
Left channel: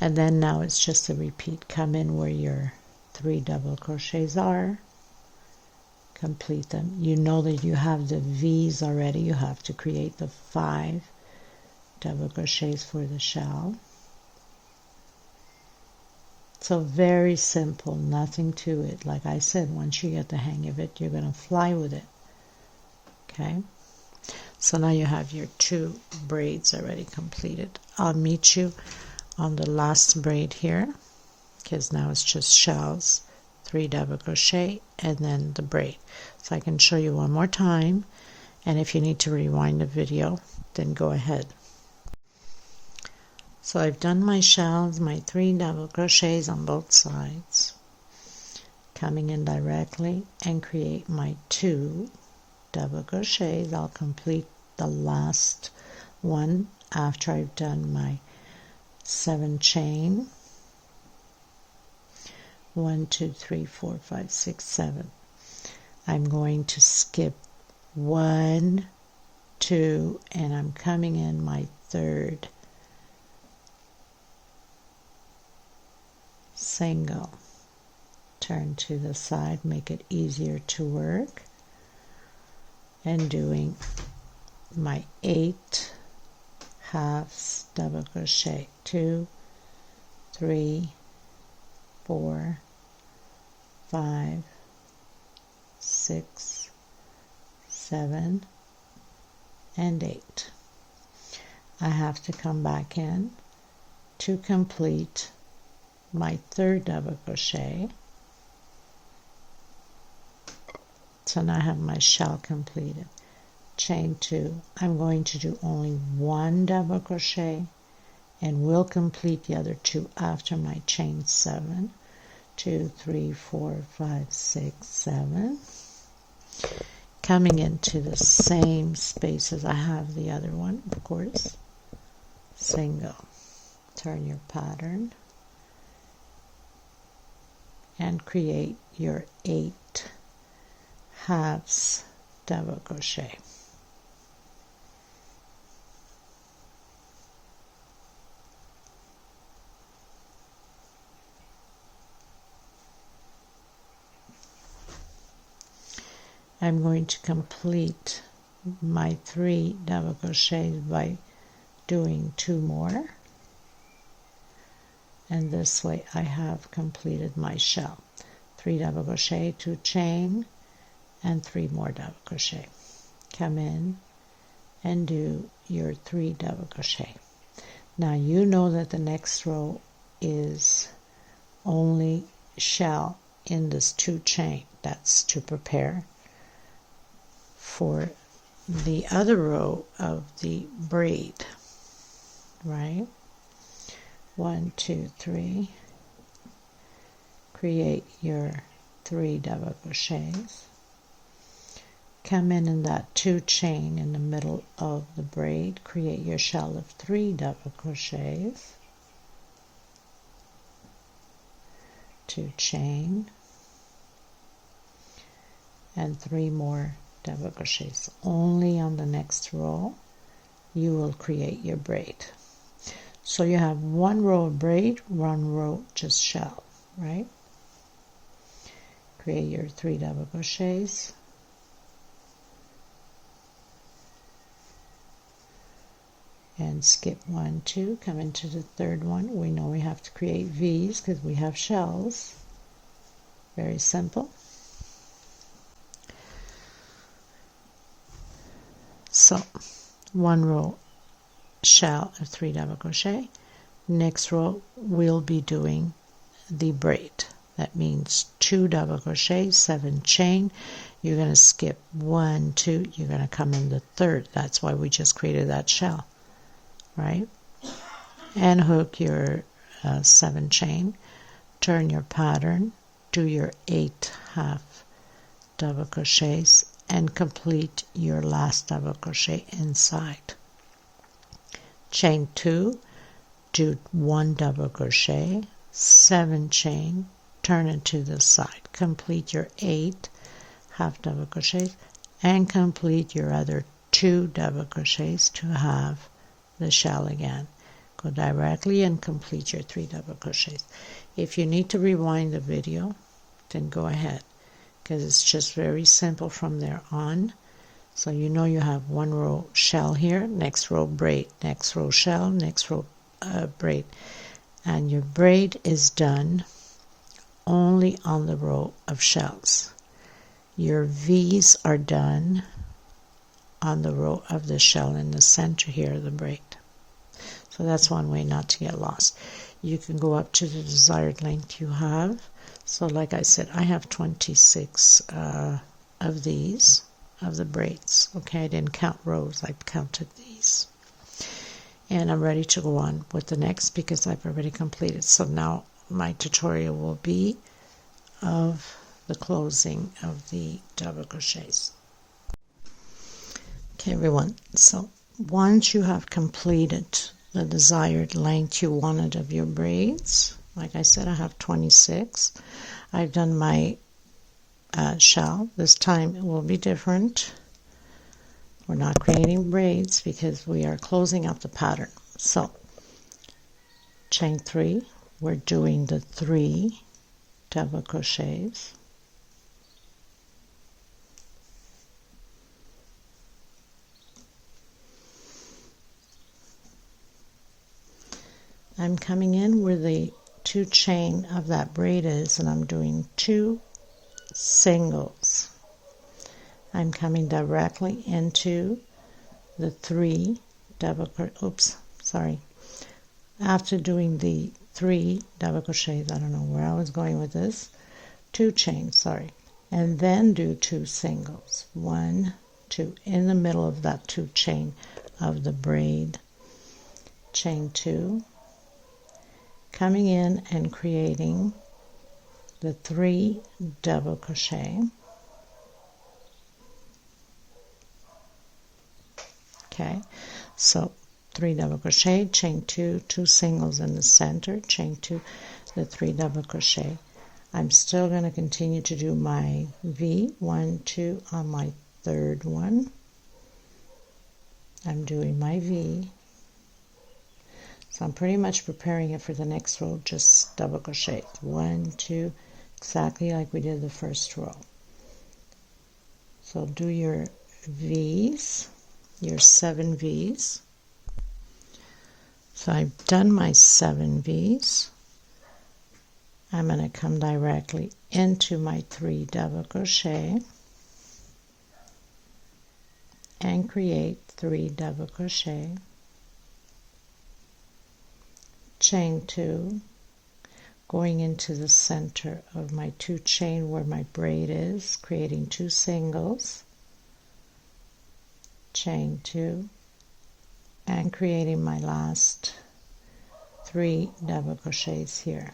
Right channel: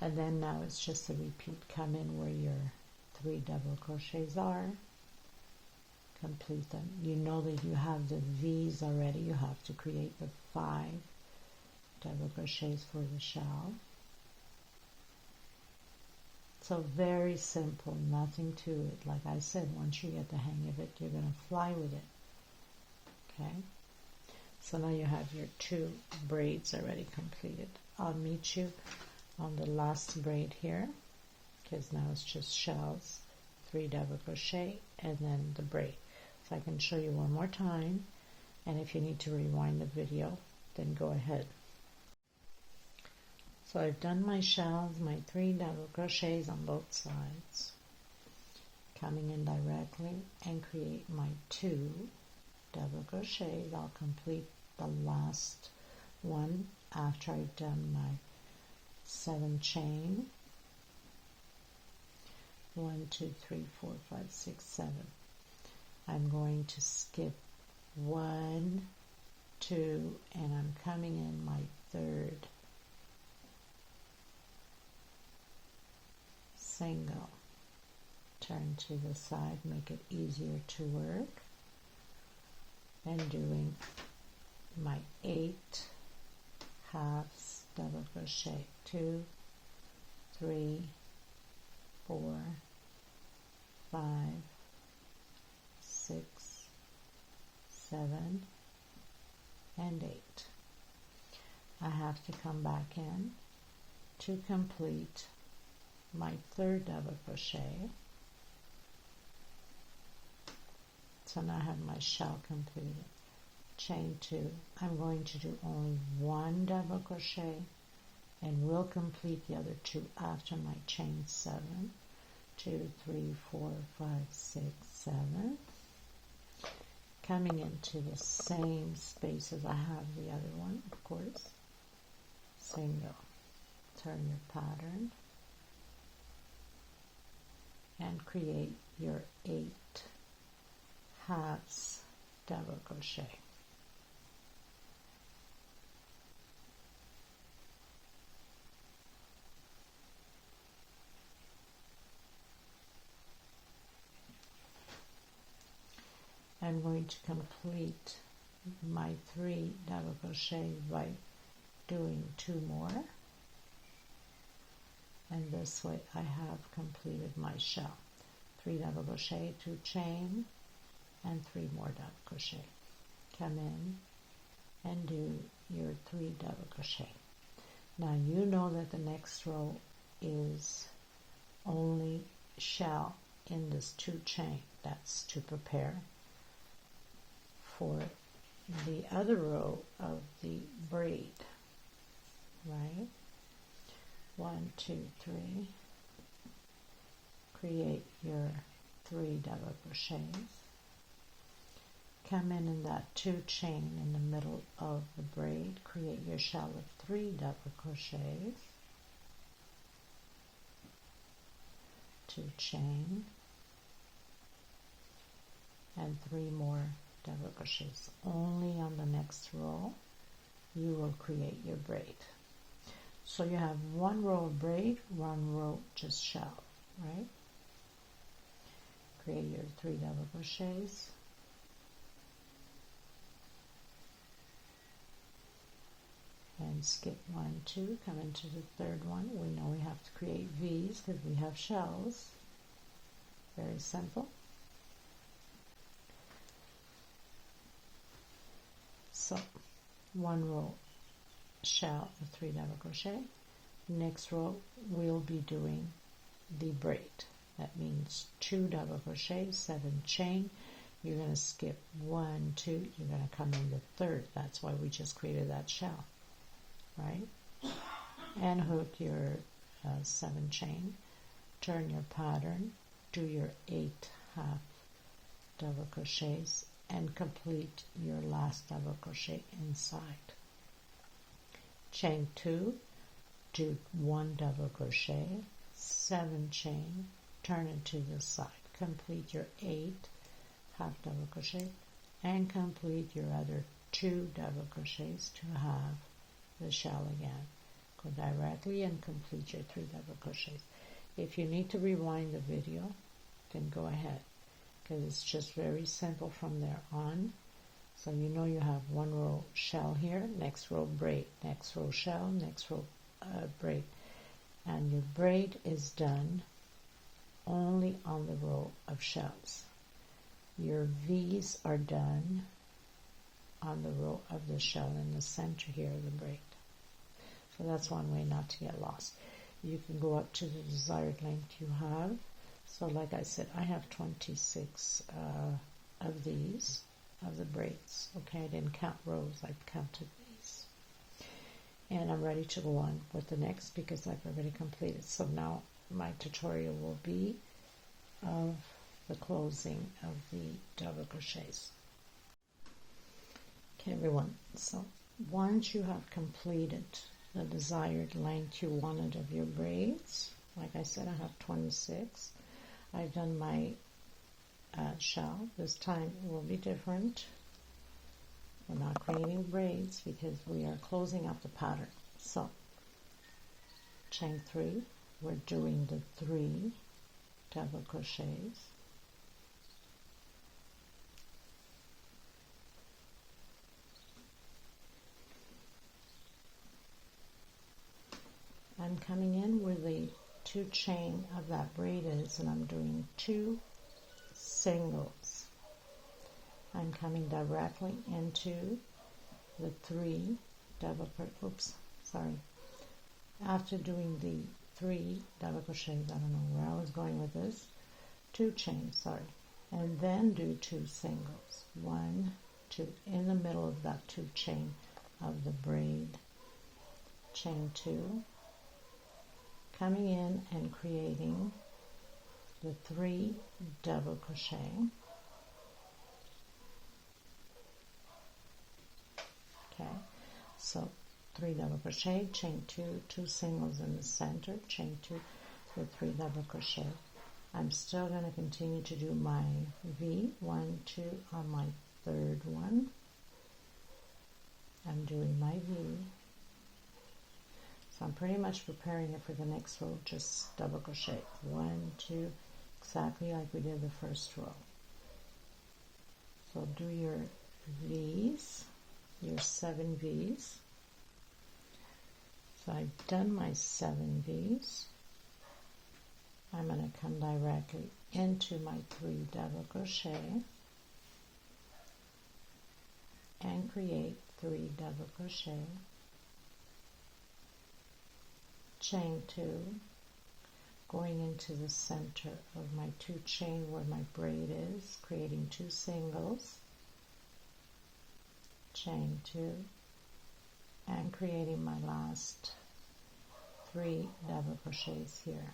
And then now it's just a repeat. Come in where your 3 double crochets are, complete them. You know that you have the V's already. You have to create the 5 double crochets for the shell. So very simple, nothing to it. Like I said, once you get the hang of it, you're going to fly with it. Okay, so now you have your 2 braids already completed. I'll meet you on the last braid here because now it's just shells, 3 double crochet, and then the braid. so I can show you one more time, and if you need to rewind the video, then go ahead. So I've done my shells, my 3 double crochets on both sides, coming in directly and create my 2 double crochets. I'll complete the last one after I've done my 7 chain. 1, 2, 3, 4, 5, 6, 7. I'm going to skip 1, 2, and I'm coming in my 3rd single. Turn to the side, make it easier to work, and doing my 8 halves double crochet. 2, 3, 4, 5, 6, 7, and 8. I have to come back in to complete my 3rd double crochet. So now I have my shell completed. Chain 2. I'm going to do only 1 double crochet, and will complete the other 2 after my chain 7. 2, 3, 4, 5, 6, 7. Coming into the same space as I have the other one, of course. Single. Turn your pattern and create your 8 halves double crochet. I'm going to complete my 3 double crochets by doing 2 more, and this way I have completed my shell. 3 double crochet, 2 chain, and 3 more double crochet. Come in and do your 3 double crochet. Now you know that the next row is only shell in this 2 chain. That's to prepare for the other row of the braid, right? 1, 2, 3. Create your 3 double crochets. Come in that 2 chain in the middle of the braid. Create your shell of 3 double crochets. 2 chain and 3 more double crochets. Only on the next row you will create your braid. So you have 1 row of braid, 1 row just shell, right? Create your 3 double crochets. And skip 1, 2, come into the 3rd one. We know we have to create V's because we have shells. Very simple. So 1 row shell of 3 double crochet. Next row we'll be doing the braid. That means 2 double crochet, 7 chain. You're going to skip 1, 2, you're going to come in the 3rd. That's why we just created that shell, right? And hook your 7 chain. Turn your pattern, do your 8 half double crochets, and complete your last double crochet inside. Chain 2, do 1 double crochet, 7 chain, turn it to the side. Complete your 8 half double crochets and complete your other 2 double crochets to have the shell again. Go directly and complete your 3 double crochets. If you need to rewind the video, then go ahead, because it's just very simple from there on. So you know you have 1 row shell here, next row braid, next row shell, next row braid, and your braid is done only on the row of shells. Your V's are done on the row of the shell in the center here of the braid. So that's one way not to get lost. You can go up to the desired length you have. So like I said, I have 26 of these, of the braids. Okay, I didn't count rows, I counted these. And I'm ready to go on with the next because I've already completed. So now my tutorial will be of the closing of the double crochets. Okay everyone, so once you have completed the desired length you wanted of your braids, like I said, I have 26. I've done my shell. This time it will be different. We're not creating braids because we are closing up the pattern. So chain 3, we're doing the 3 double crochets. I'm coming in where the 2 chain of that braid is, and I'm doing 2 singles. I'm coming directly into the 3 double crochet. After doing the 3 double crochets, I don't know where I was going with this, 2 chains, and then do 2 singles. 1, 2 in the middle of that 2 chain of the braid. Chain 2, coming in and creating the 3 double crochet. Okay, so 3 double crochet, chain 2, 2 singles in the center, chain 2, the 3 double crochet. I'm still going to continue to do my V, 1, 2 on my third one. I'm doing my V. So I'm pretty much preparing it for the next row, just double crochet. 1, 2, exactly like we did the first row. So do your V's, your 7 V's. So I've done my 7 V's. I'm going to come directly into my 3 double crochet and create 3 double crochet, chain 2, going into the center of my 2 chain where my braid is, creating 2 singles, chain 2, and creating my last 3 double crochets here.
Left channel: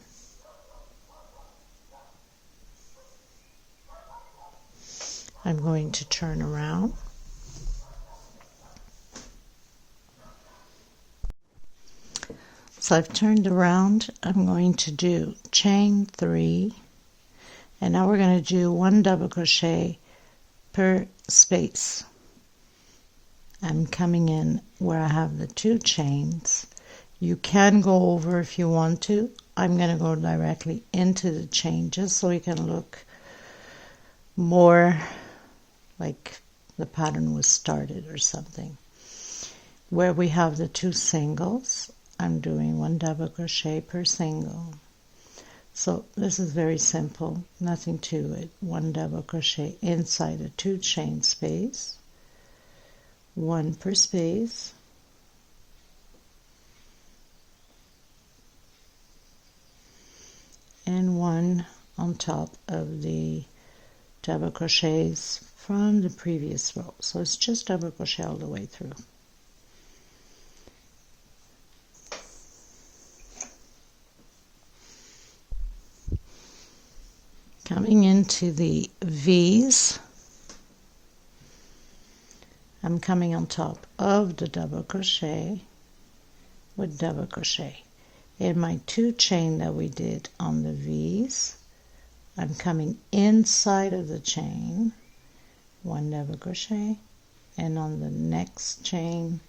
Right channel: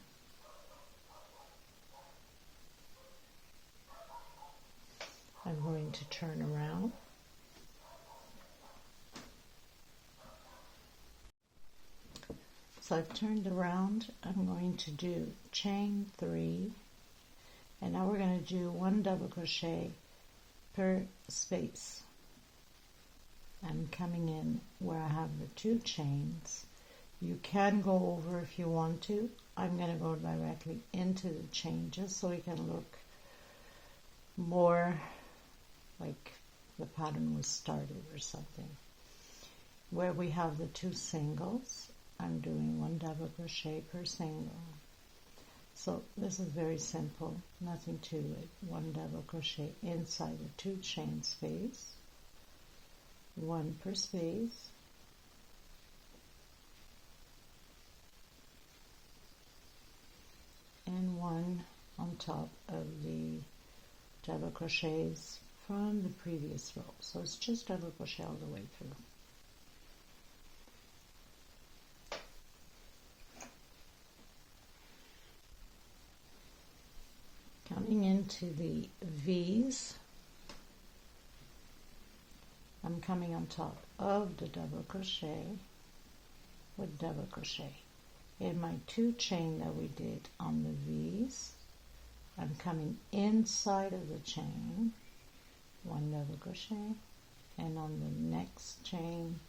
I'm going to turn around. So I've turned around. I'm going to do chain 3, and now we're going to do 1 double crochet per space. I'm coming in where I have the 2 chains. You can go over if you want to. I'm going to go directly into the chain just so it can look more like the pattern was started or something. Where we have the 2 singles, I'm doing 1 double crochet per single. So this is very simple, nothing to it. 1 double crochet inside a 2 chain space, 1 per space, and 1 on top of the double crochets from the previous row. So it's just double crochet all the way through. Coming into the V's, I'm coming on top of the double crochet with double crochet. In my 2 chain that we did on the V's, I'm coming inside of the chain, 1 double crochet, and on the next chain,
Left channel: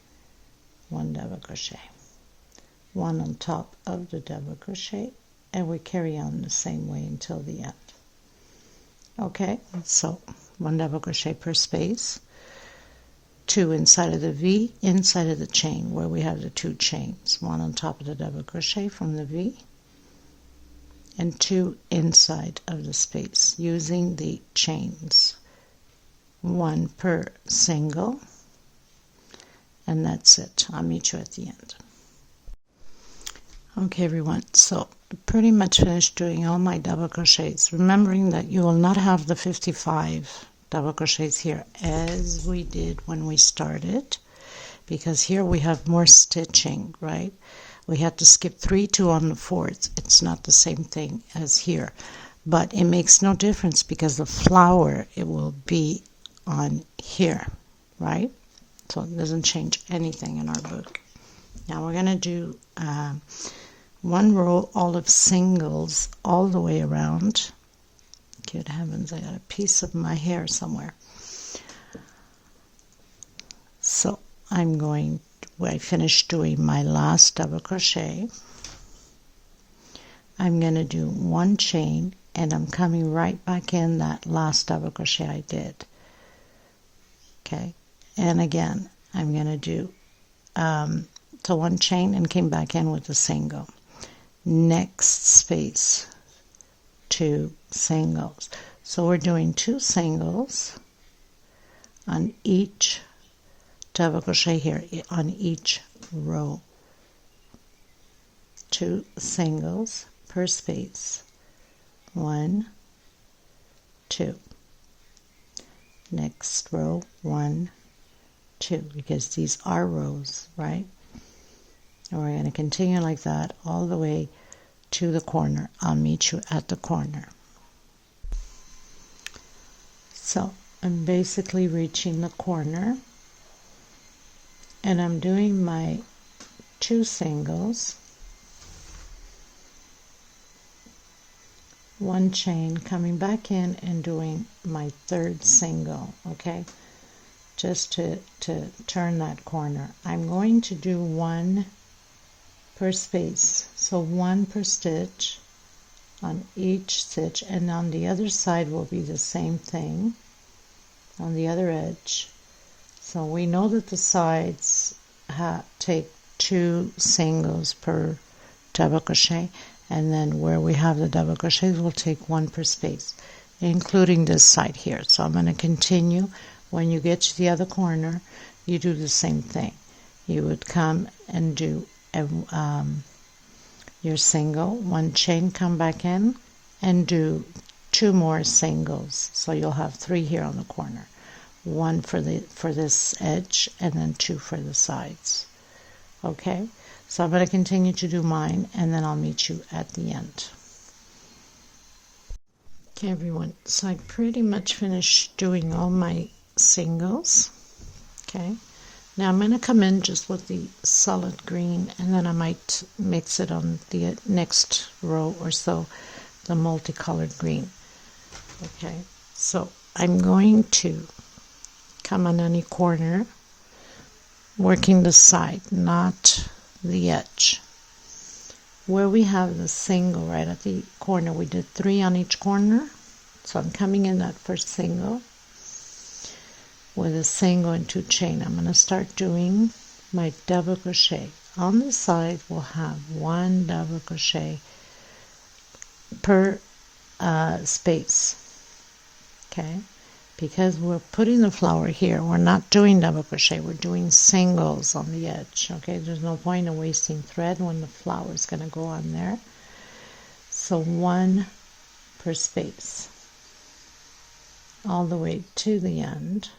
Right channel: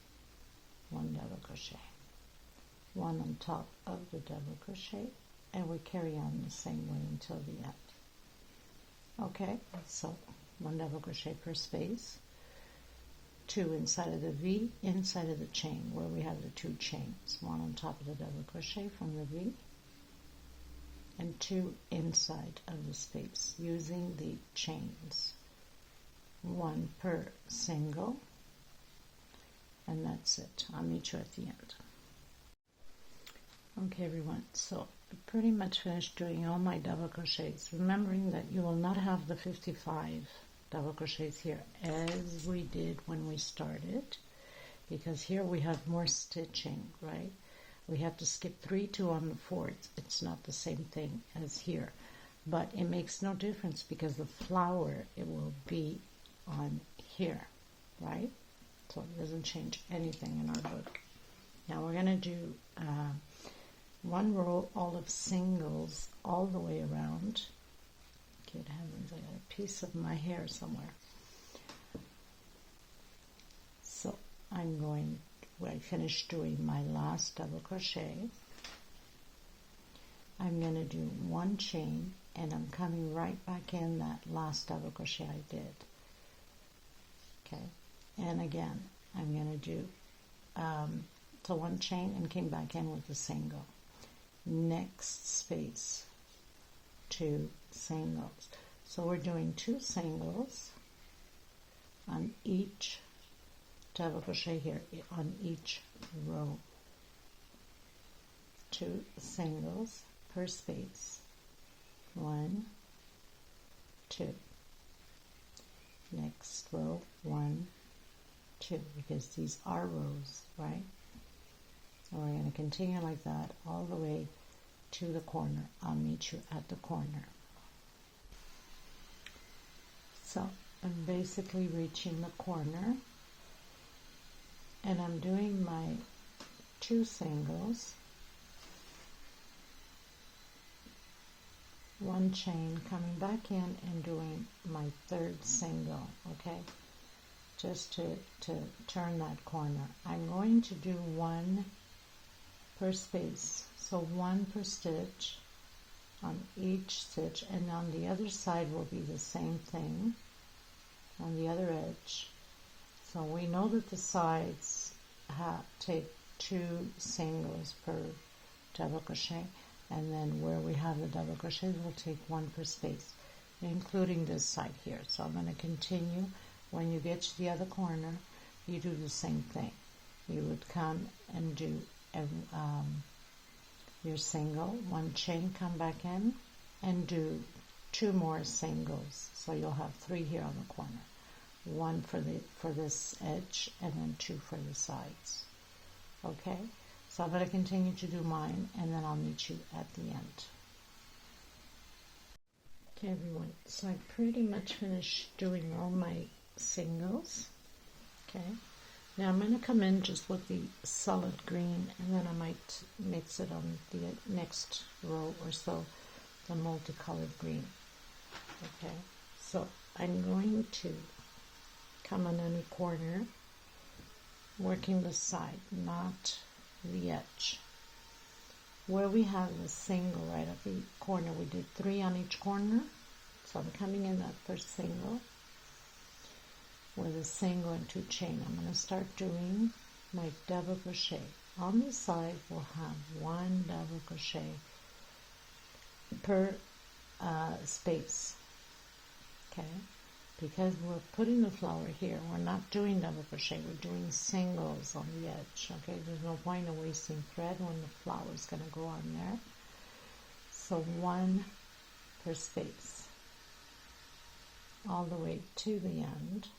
1 double crochet, 1 on top of the double crochet, and we carry on the same way until the end. Okay, so 1 double crochet per space, 2 inside of the V, inside of the chain where we have the 2 chains, 1 on top of the double crochet from the V, and 2 inside of the space using the chains, 1 per single, and that's it. I'll meet you at the end. Okay everyone, so pretty much finished doing all my double crochets, remembering that you will not have the 55 double crochets here as we did when we started, because here we have more stitching, right? We had to skip 3, 2 on the 4th. It's not the same thing as here, but it makes no difference because the flower, it will be on here, right? So it doesn't change anything in our book. Now we're going to do 1 row all of singles all the way around. Good heavens, I got a piece of my hair somewhere. So I finished doing my last double crochet. I'm going to do 1 chain, and I'm coming right back in that last double crochet I did. Okay, and again, I'm going to do so 1 chain and came back in with a single. Next space, 2 singles. So we're doing 2 singles on each double crochet here, on each row. 2 singles per space. 1, 2. Next row, 1, 2, because these are rows, right? And we're going to continue like that all the way to the corner. I'll meet you at the corner. So I'm basically reaching the corner, and I'm doing my 2 singles, 1 chain, coming back in and doing my 3rd single, okay? Just to turn that corner. I'm going to do 1 per space, so 1 per stitch on each stitch, and on the other side will be the same thing on the other edge. So we know that the sides take 2 singles per double crochet, and then where we have the double crochets we'll take 1 per space, including this side here. So I'm going to continue. When you get to the other corner, you do the same thing. You would come and do your single, 1 chain, come back in and do 2 more singles. So you'll have 3 here on the corner. 1 for this edge, and then 2 for the sides. Okay, so I'm going to continue to do mine, and then I'll meet you at the end. Okay, everyone, so I pretty much finished doing all my singles. Okay, now I'm going to come in just with the solid green, and then I might mix it on the next row or so, the multicolored green. Okay, so I'm going to come on any corner, working the side, not the edge. Where we have the single right at the corner, we did 3 on each corner. So I'm coming in that first single with a single and 2 chain. I'm going to start doing my double crochet. On the side we'll have 1 double crochet per space. Okay, because we're putting the flower here, we're not doing double crochet, we're doing singles on the edge. Okay, there's no point in wasting thread when the flower is going to go on there. So 1 per space all the way to the end.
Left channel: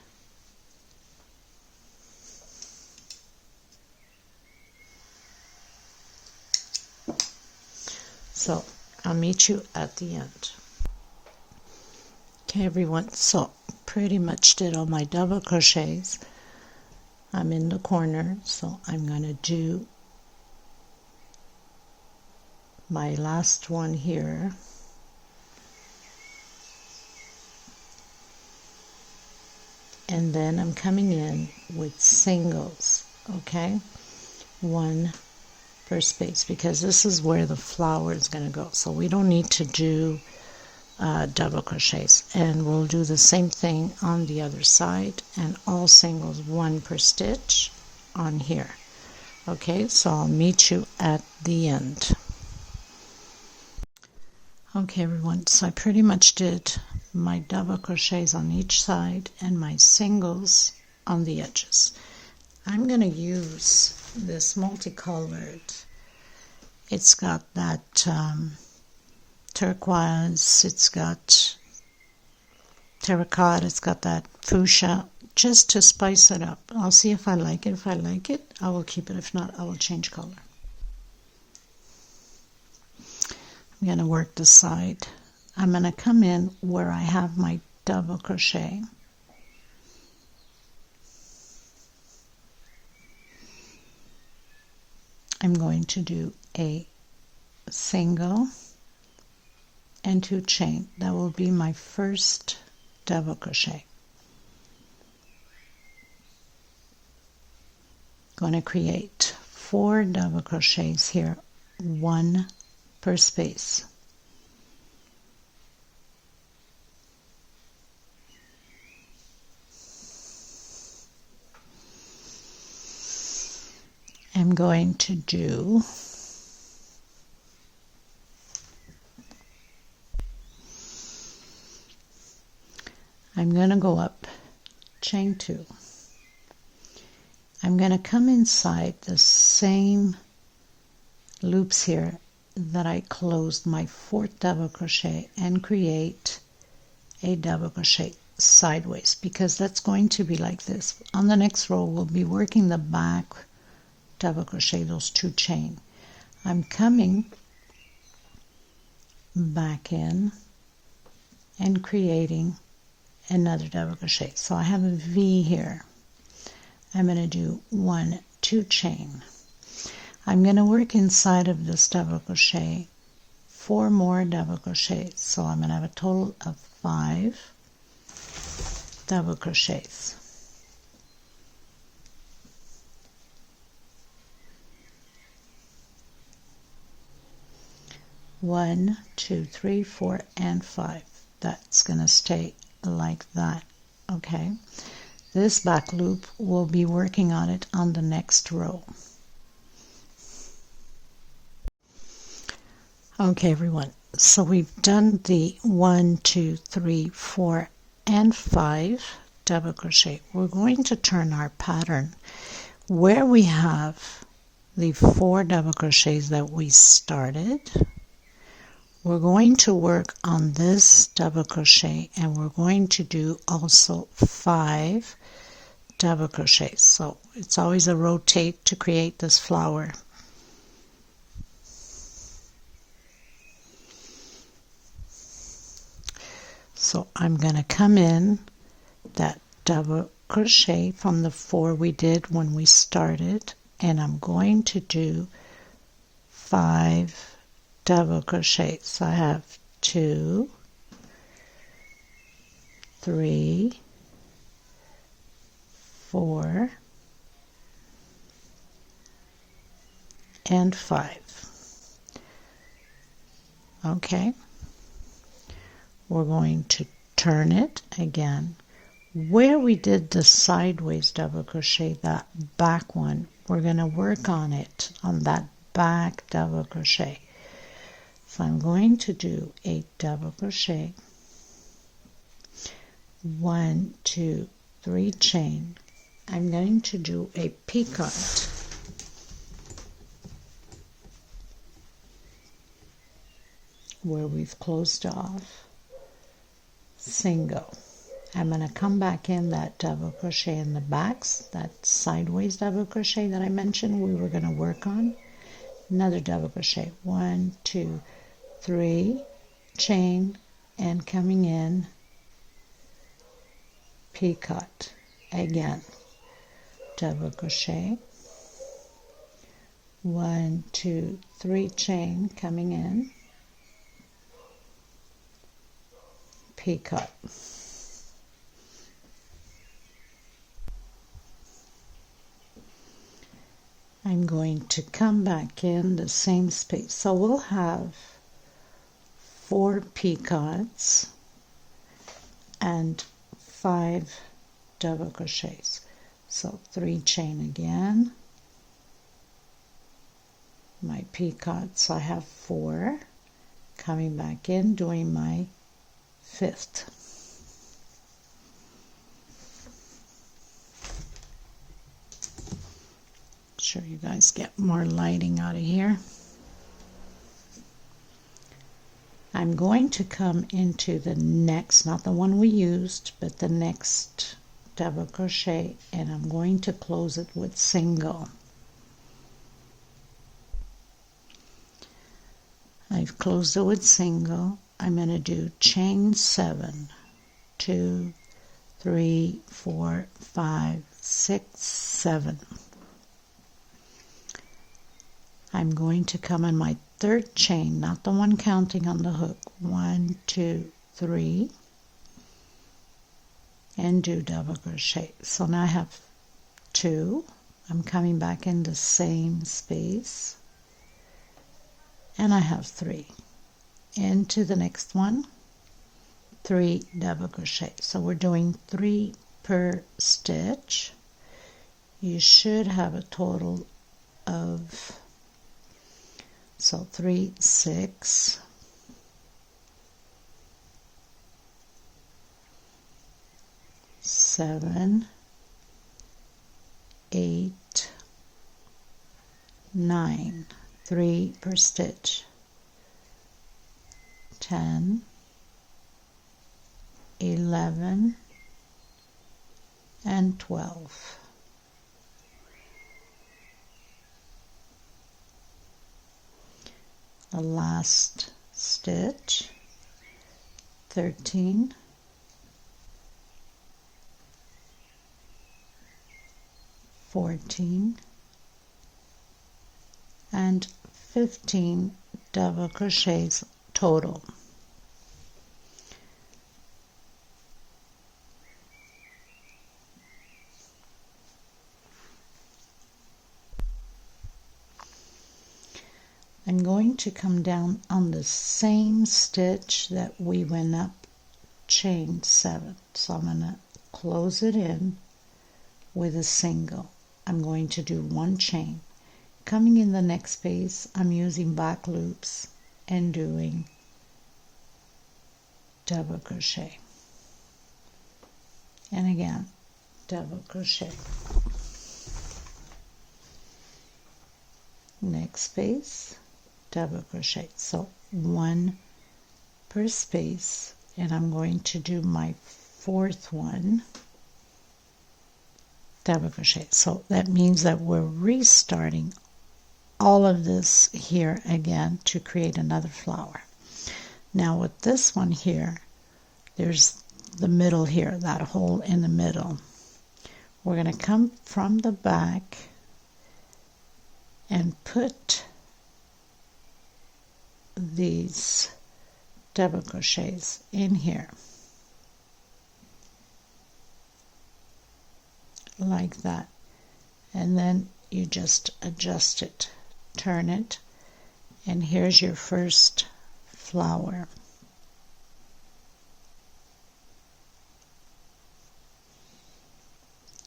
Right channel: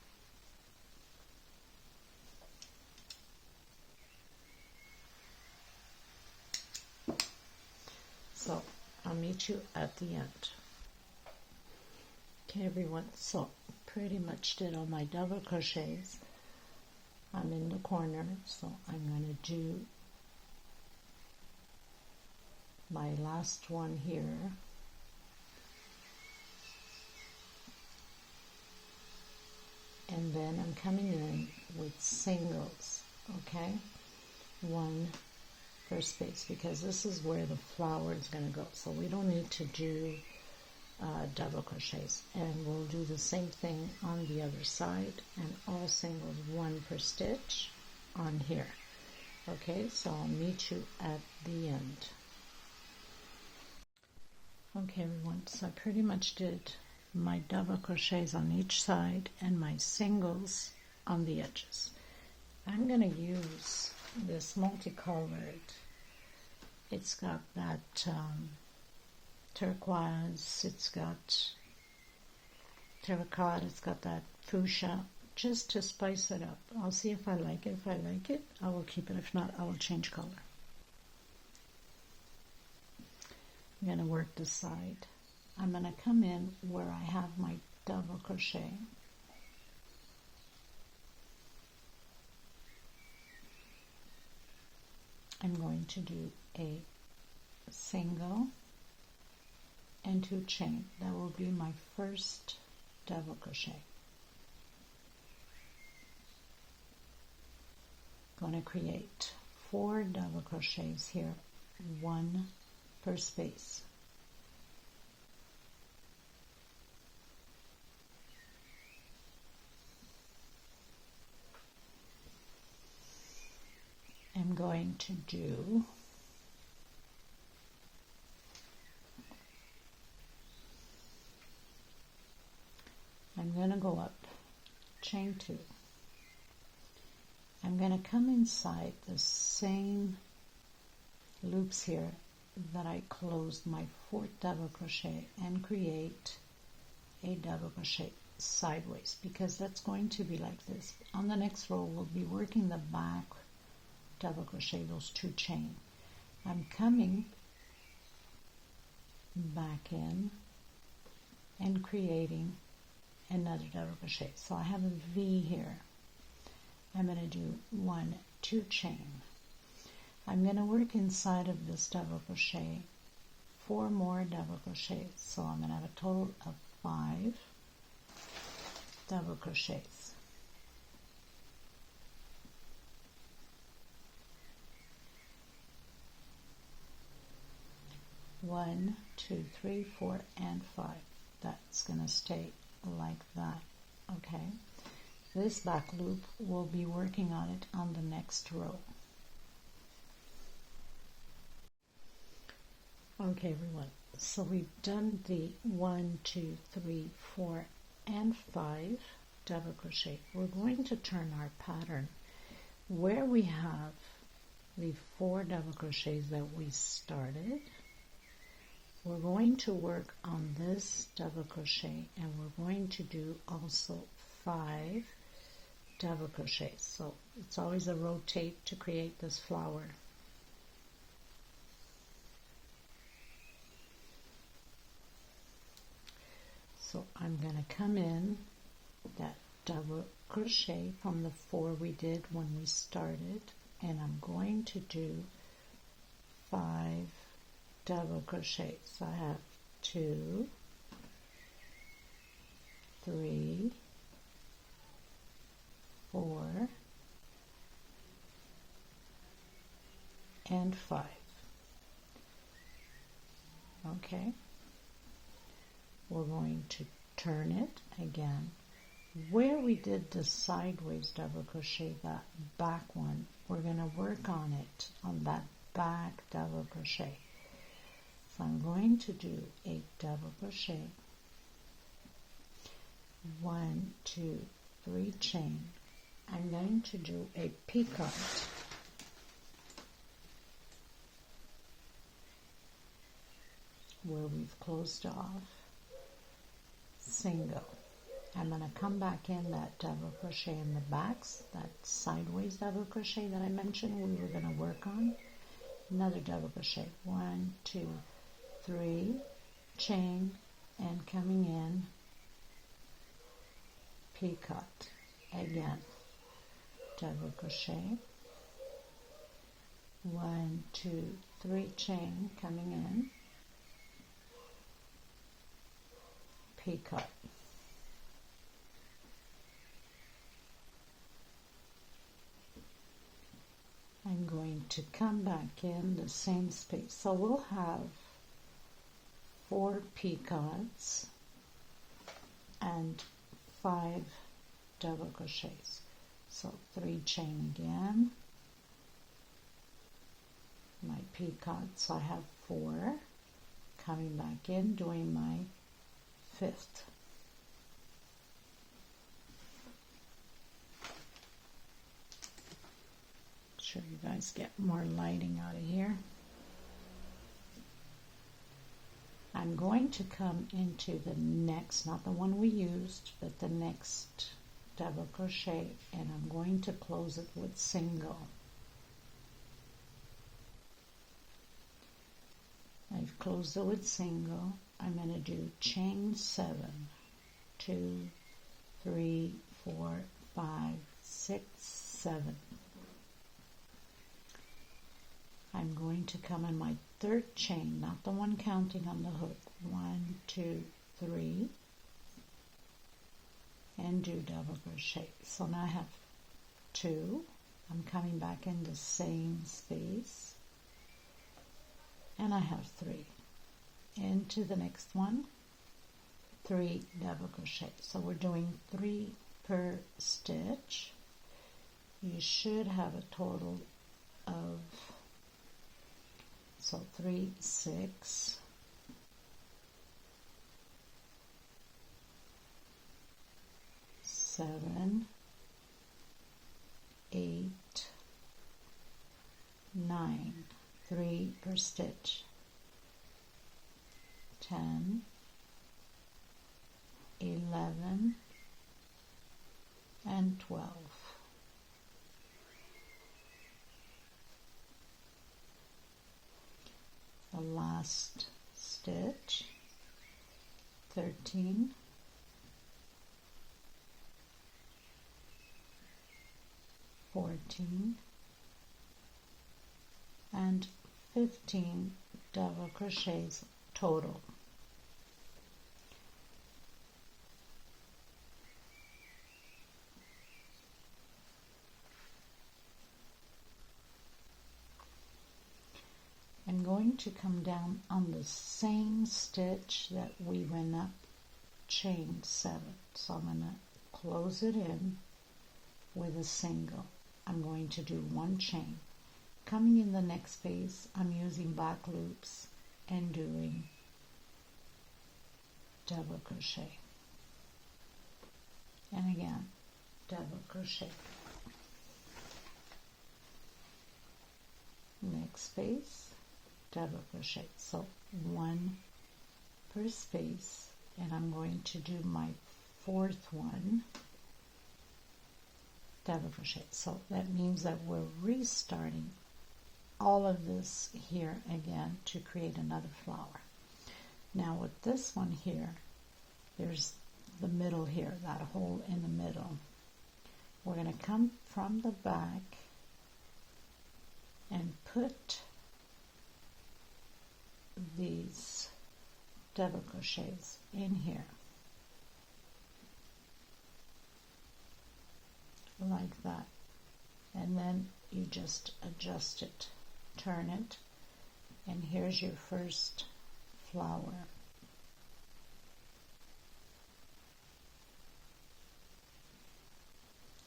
So I'll meet you at the end. Okay, everyone, so pretty much did all my double crochets. I'm in the corner, so I'm going to do my last one here. And then I'm coming in with singles, okay? 1 per space, because this is where the flower is going to go. So we don't need to do double crochets, and we'll do the same thing on the other side, and all singles, 1 per stitch on here. Okay, so I'll meet you at the end. Okay, everyone, so I pretty much did my double crochets on each side and my singles on the edges. I'm going to use this multicolored. It's got that turquoise, it's got terracotta. It's got that fuchsia, just to spice it up. I'll see if I like it. If I like it, I will keep it. If not, I will change color. I'm going to work the side. I'm going to come in where I have my double crochet. I'm going to do a single and 2 chain. That will be my first double crochet. Going to create 4 double crochets here, 1 per space. I'm going to do go up, chain 2. I'm going to come inside the same loops here that I closed my 4th double crochet and create a double crochet sideways, because that's going to be like this. On the next row we'll be working the back double crochet, those 2 chain. I'm coming back in and creating another double crochet. So I have a V here. I'm going to do 1, 2 chain. I'm going to work inside of this double crochet 4 more double crochets. So I'm going to have a total of 5 double crochets. One, 2, 3, 4, and 5. That's going to stay like that. Okay. This back loop, we'll be working on it on the next row. Okay, everyone. So we've done the 1, 2, 3, 4, and 5 double crochet. We're going to turn our pattern where we have the 4 double crochets that we started. We're going to work on this double crochet, and we're going to do also 5 double crochets. So it's always a rotate to create this flower. So I'm going to come in that double crochet from the 4 we did when we started, and I'm going to do 5 double crochets. So I have 2, 3, 4, and 5. Okay. We're going to turn it again. Where we did the sideways double crochet, that back one, we're going to work on it, on that back double crochet. So I'm going to do a double crochet, 1, 2, 3 chain. I'm going to do a picot. Where we've closed off, single. I'm going to come back in that double crochet in the backs, that sideways double crochet that I mentioned we were going to work on. Another double crochet, 1, 2, 3, chain, and coming in, picot. Again, double crochet, 1, 2, 3 chain, coming in, picot. I'm going to come back in the same space. So we'll have 4 picots and 5 double crochets. So 3 chain again, my picots, I have 4, coming back in, doing my 5th. Sure you guys get more lighting out of here. I'm going to come into the next, not the one we used, but the next double crochet, and I'm going to close it with single. I've closed it with single. I'm going to do chain 7, 2, 3, 4, 5, 6, 7. I'm going to come in my third chain, not the one counting on the hook. 1, 2, 3, and do double crochet. So now I have 2. I'm coming back in the same space, and I have 3. Into the next one, 3 double crochet. So we're doing 3 per stitch. You should have a total of, so 3, 6, 7, 8, 9, 3 per stitch, 10, 11, and 12. The last stitch, 13, 14, and 15 double crochets total. I'm going to come down on the same stitch that we went up, chain 7. So I'm going to close it in with a single. I'm going to do 1 chain. Coming in the next space, I'm using back loops and doing double crochet. And again, double crochet. Next space, double crochet. So 1 per space, and I'm going to do my 4th one, double crochet. So that means that we're restarting all of this here again to create another flower. Now with this one here, there's the middle here, that hole in the middle. We're going to come from the back and put these double crochets in here like that, and then you just adjust it, turn it, and here's your first flower.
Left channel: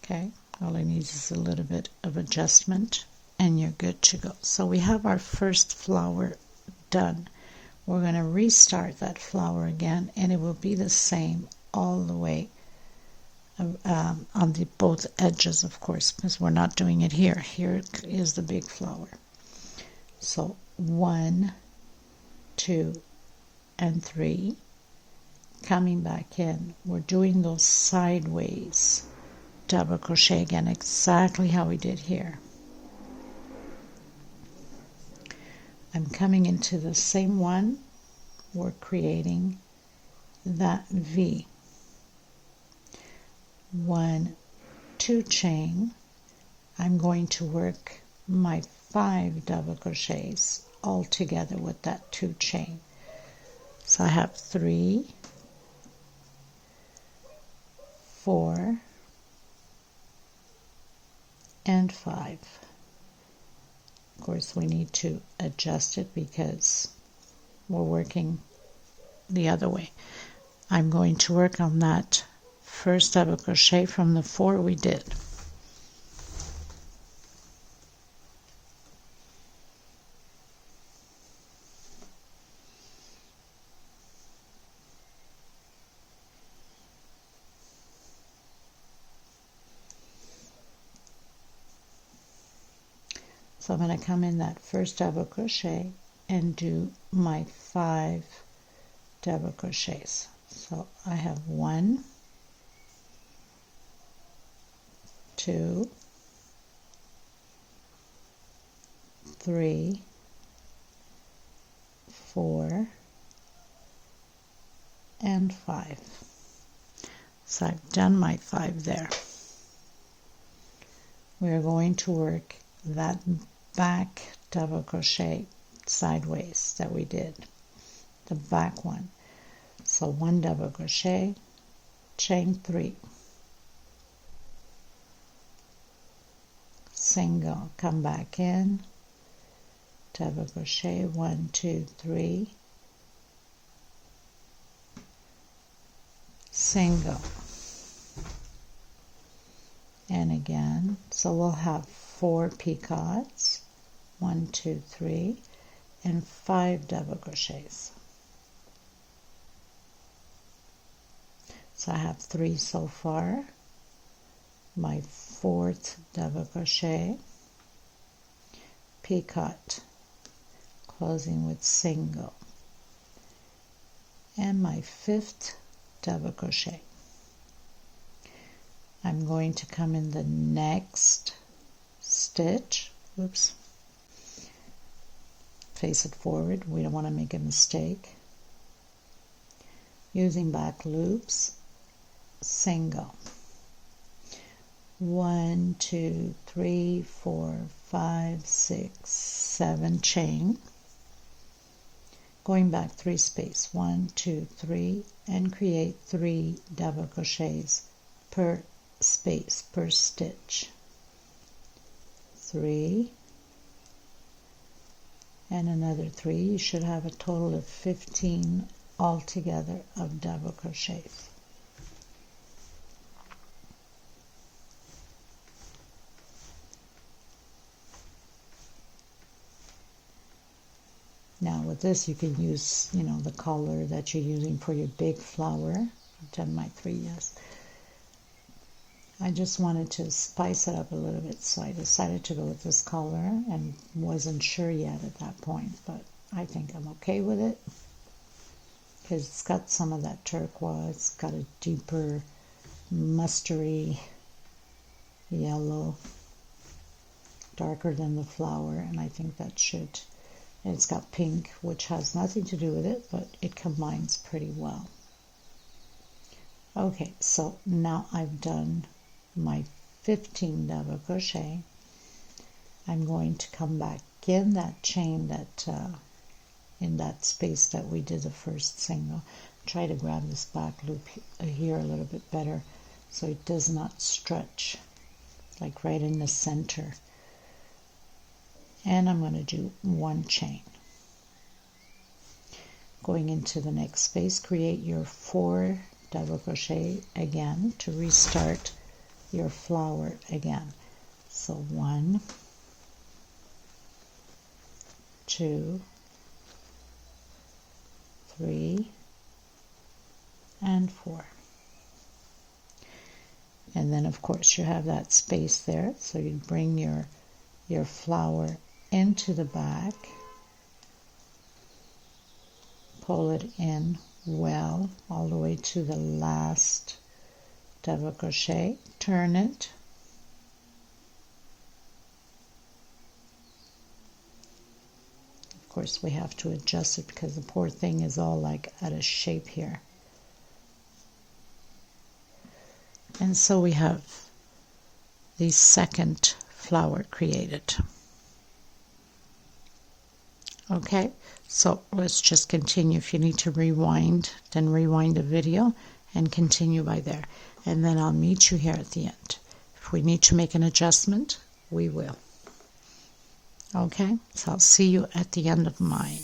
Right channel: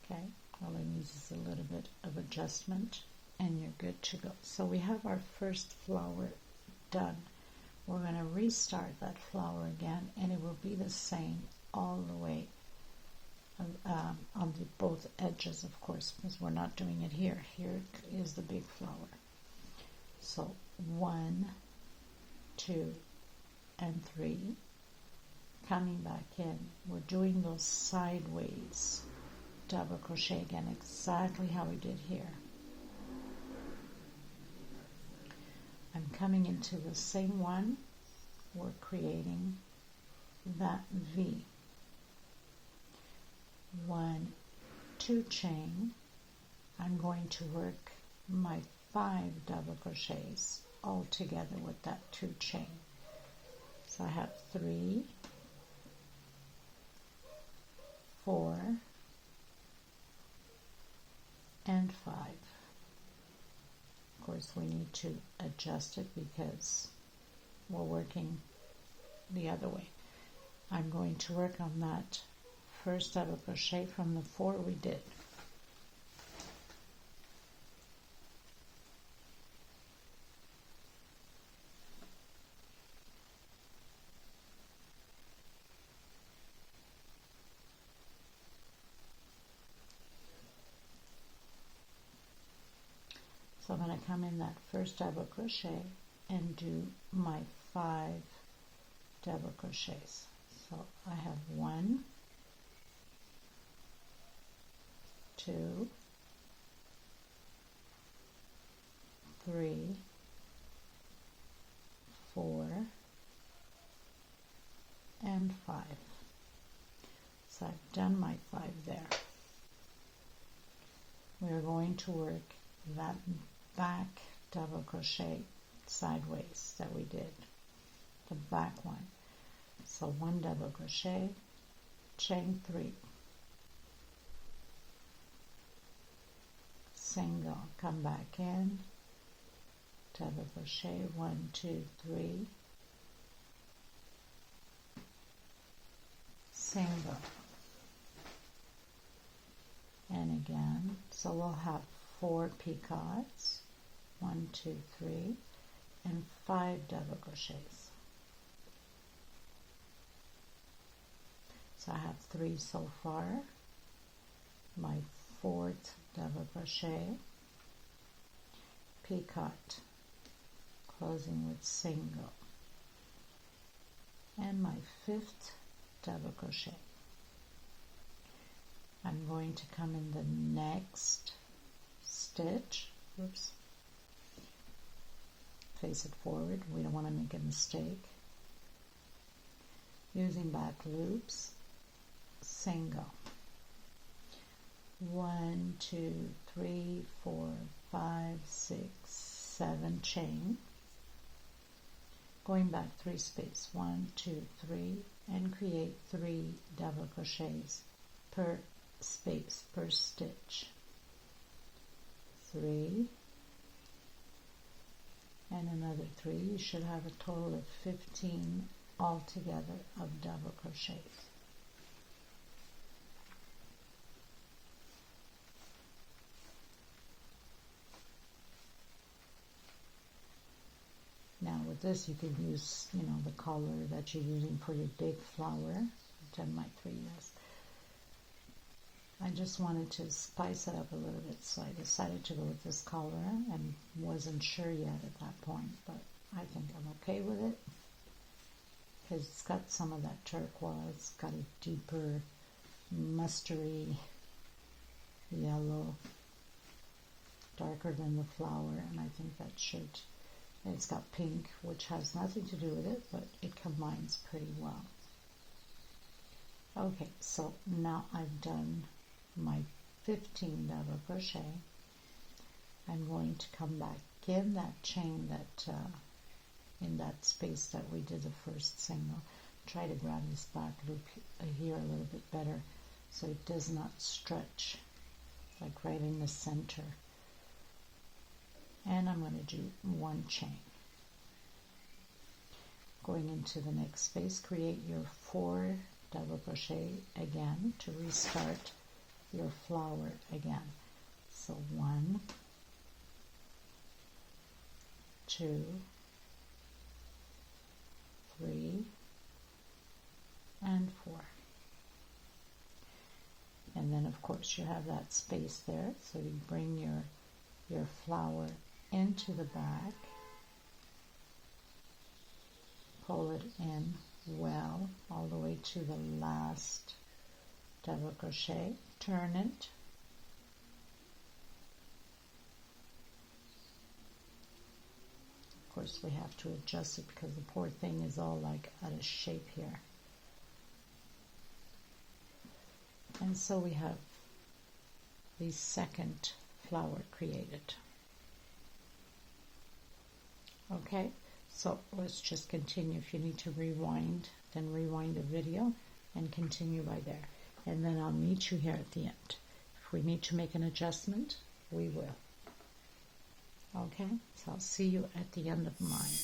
Okay, all it needs is a little bit of adjustment and you're good to go. So we have our first flower done. We're going to restart that flower again, and it will be the same all the way on the both edges, of course, because we're not doing it here. Here is the big flower. So 1, 2, and 3. Coming back in, we're doing those sideways double crochet again, exactly how we did here. I'm coming into the same one. We're creating that V. 1, 2 chain. I'm going to work my 5 double crochets all together with that 2 chain. So I have 3, 4, and 5. Of course, we need to adjust it because we're working the other way. I'm going to work on that first double crochet from the 4 we did. So I'm going to come in that first double crochet and do my 5 double crochets. So I have 1, 2, 3, 4, and 5. So I've done my 5 there. We're going to work that back double crochet sideways that we did, the back one. So 1 double crochet, chain 3, single, come back in, double crochet, 1, 2, 3, single, and again. So we'll have 4 picots, 1, 2, 3, and 5 double crochets. So I have 3 so far. My 4th double crochet, picot, closing with single, and my 5th double crochet. I'm going to come in the next stitch, oops, face it forward, we don't want to make a mistake, using back loops, single, 1, 2, 3, 4, 5, 6, 7, chain, going back 3 space, 1, 2, 3, and create 3 double crochets per space, per stitch, 3, and another 3. You should have a total of 15 altogether of double crochets. Now with this you can use, the color that you're using for your big flower. I've done my 3, yes. I just wanted to spice it up a little bit, so I decided to go with this color and wasn't sure yet at that point, but I think I'm okay with it because it's got some of that turquoise, it's got a deeper mustardy yellow, darker than the flower, and I think that should. And it's got pink, which has nothing to do with it, but it combines pretty well. Okay, so now I've done my 15 double crochet. I'm going to come back in that chain that in that space that we did the first single. Try to grab this back loop here a little bit better so it does not stretch, like right in the center. And I'm going to do 1 chain. Going into the next space, create your 4 double crochet again to restart your flower again. So 1, 2, 3, and 4. And then of course you have that space there, so you bring your flower into the back, pull it in well all the way to the last double crochet, turn it, of course we have to adjust it because the poor thing is all like out of shape here, and so we have the second flower created. Okay, so let's just continue. If you need to rewind, then rewind the video and continue by there. And then I'll meet you here at the end. If we need to make an adjustment, we will. Okay, so I'll see you at the end of mine.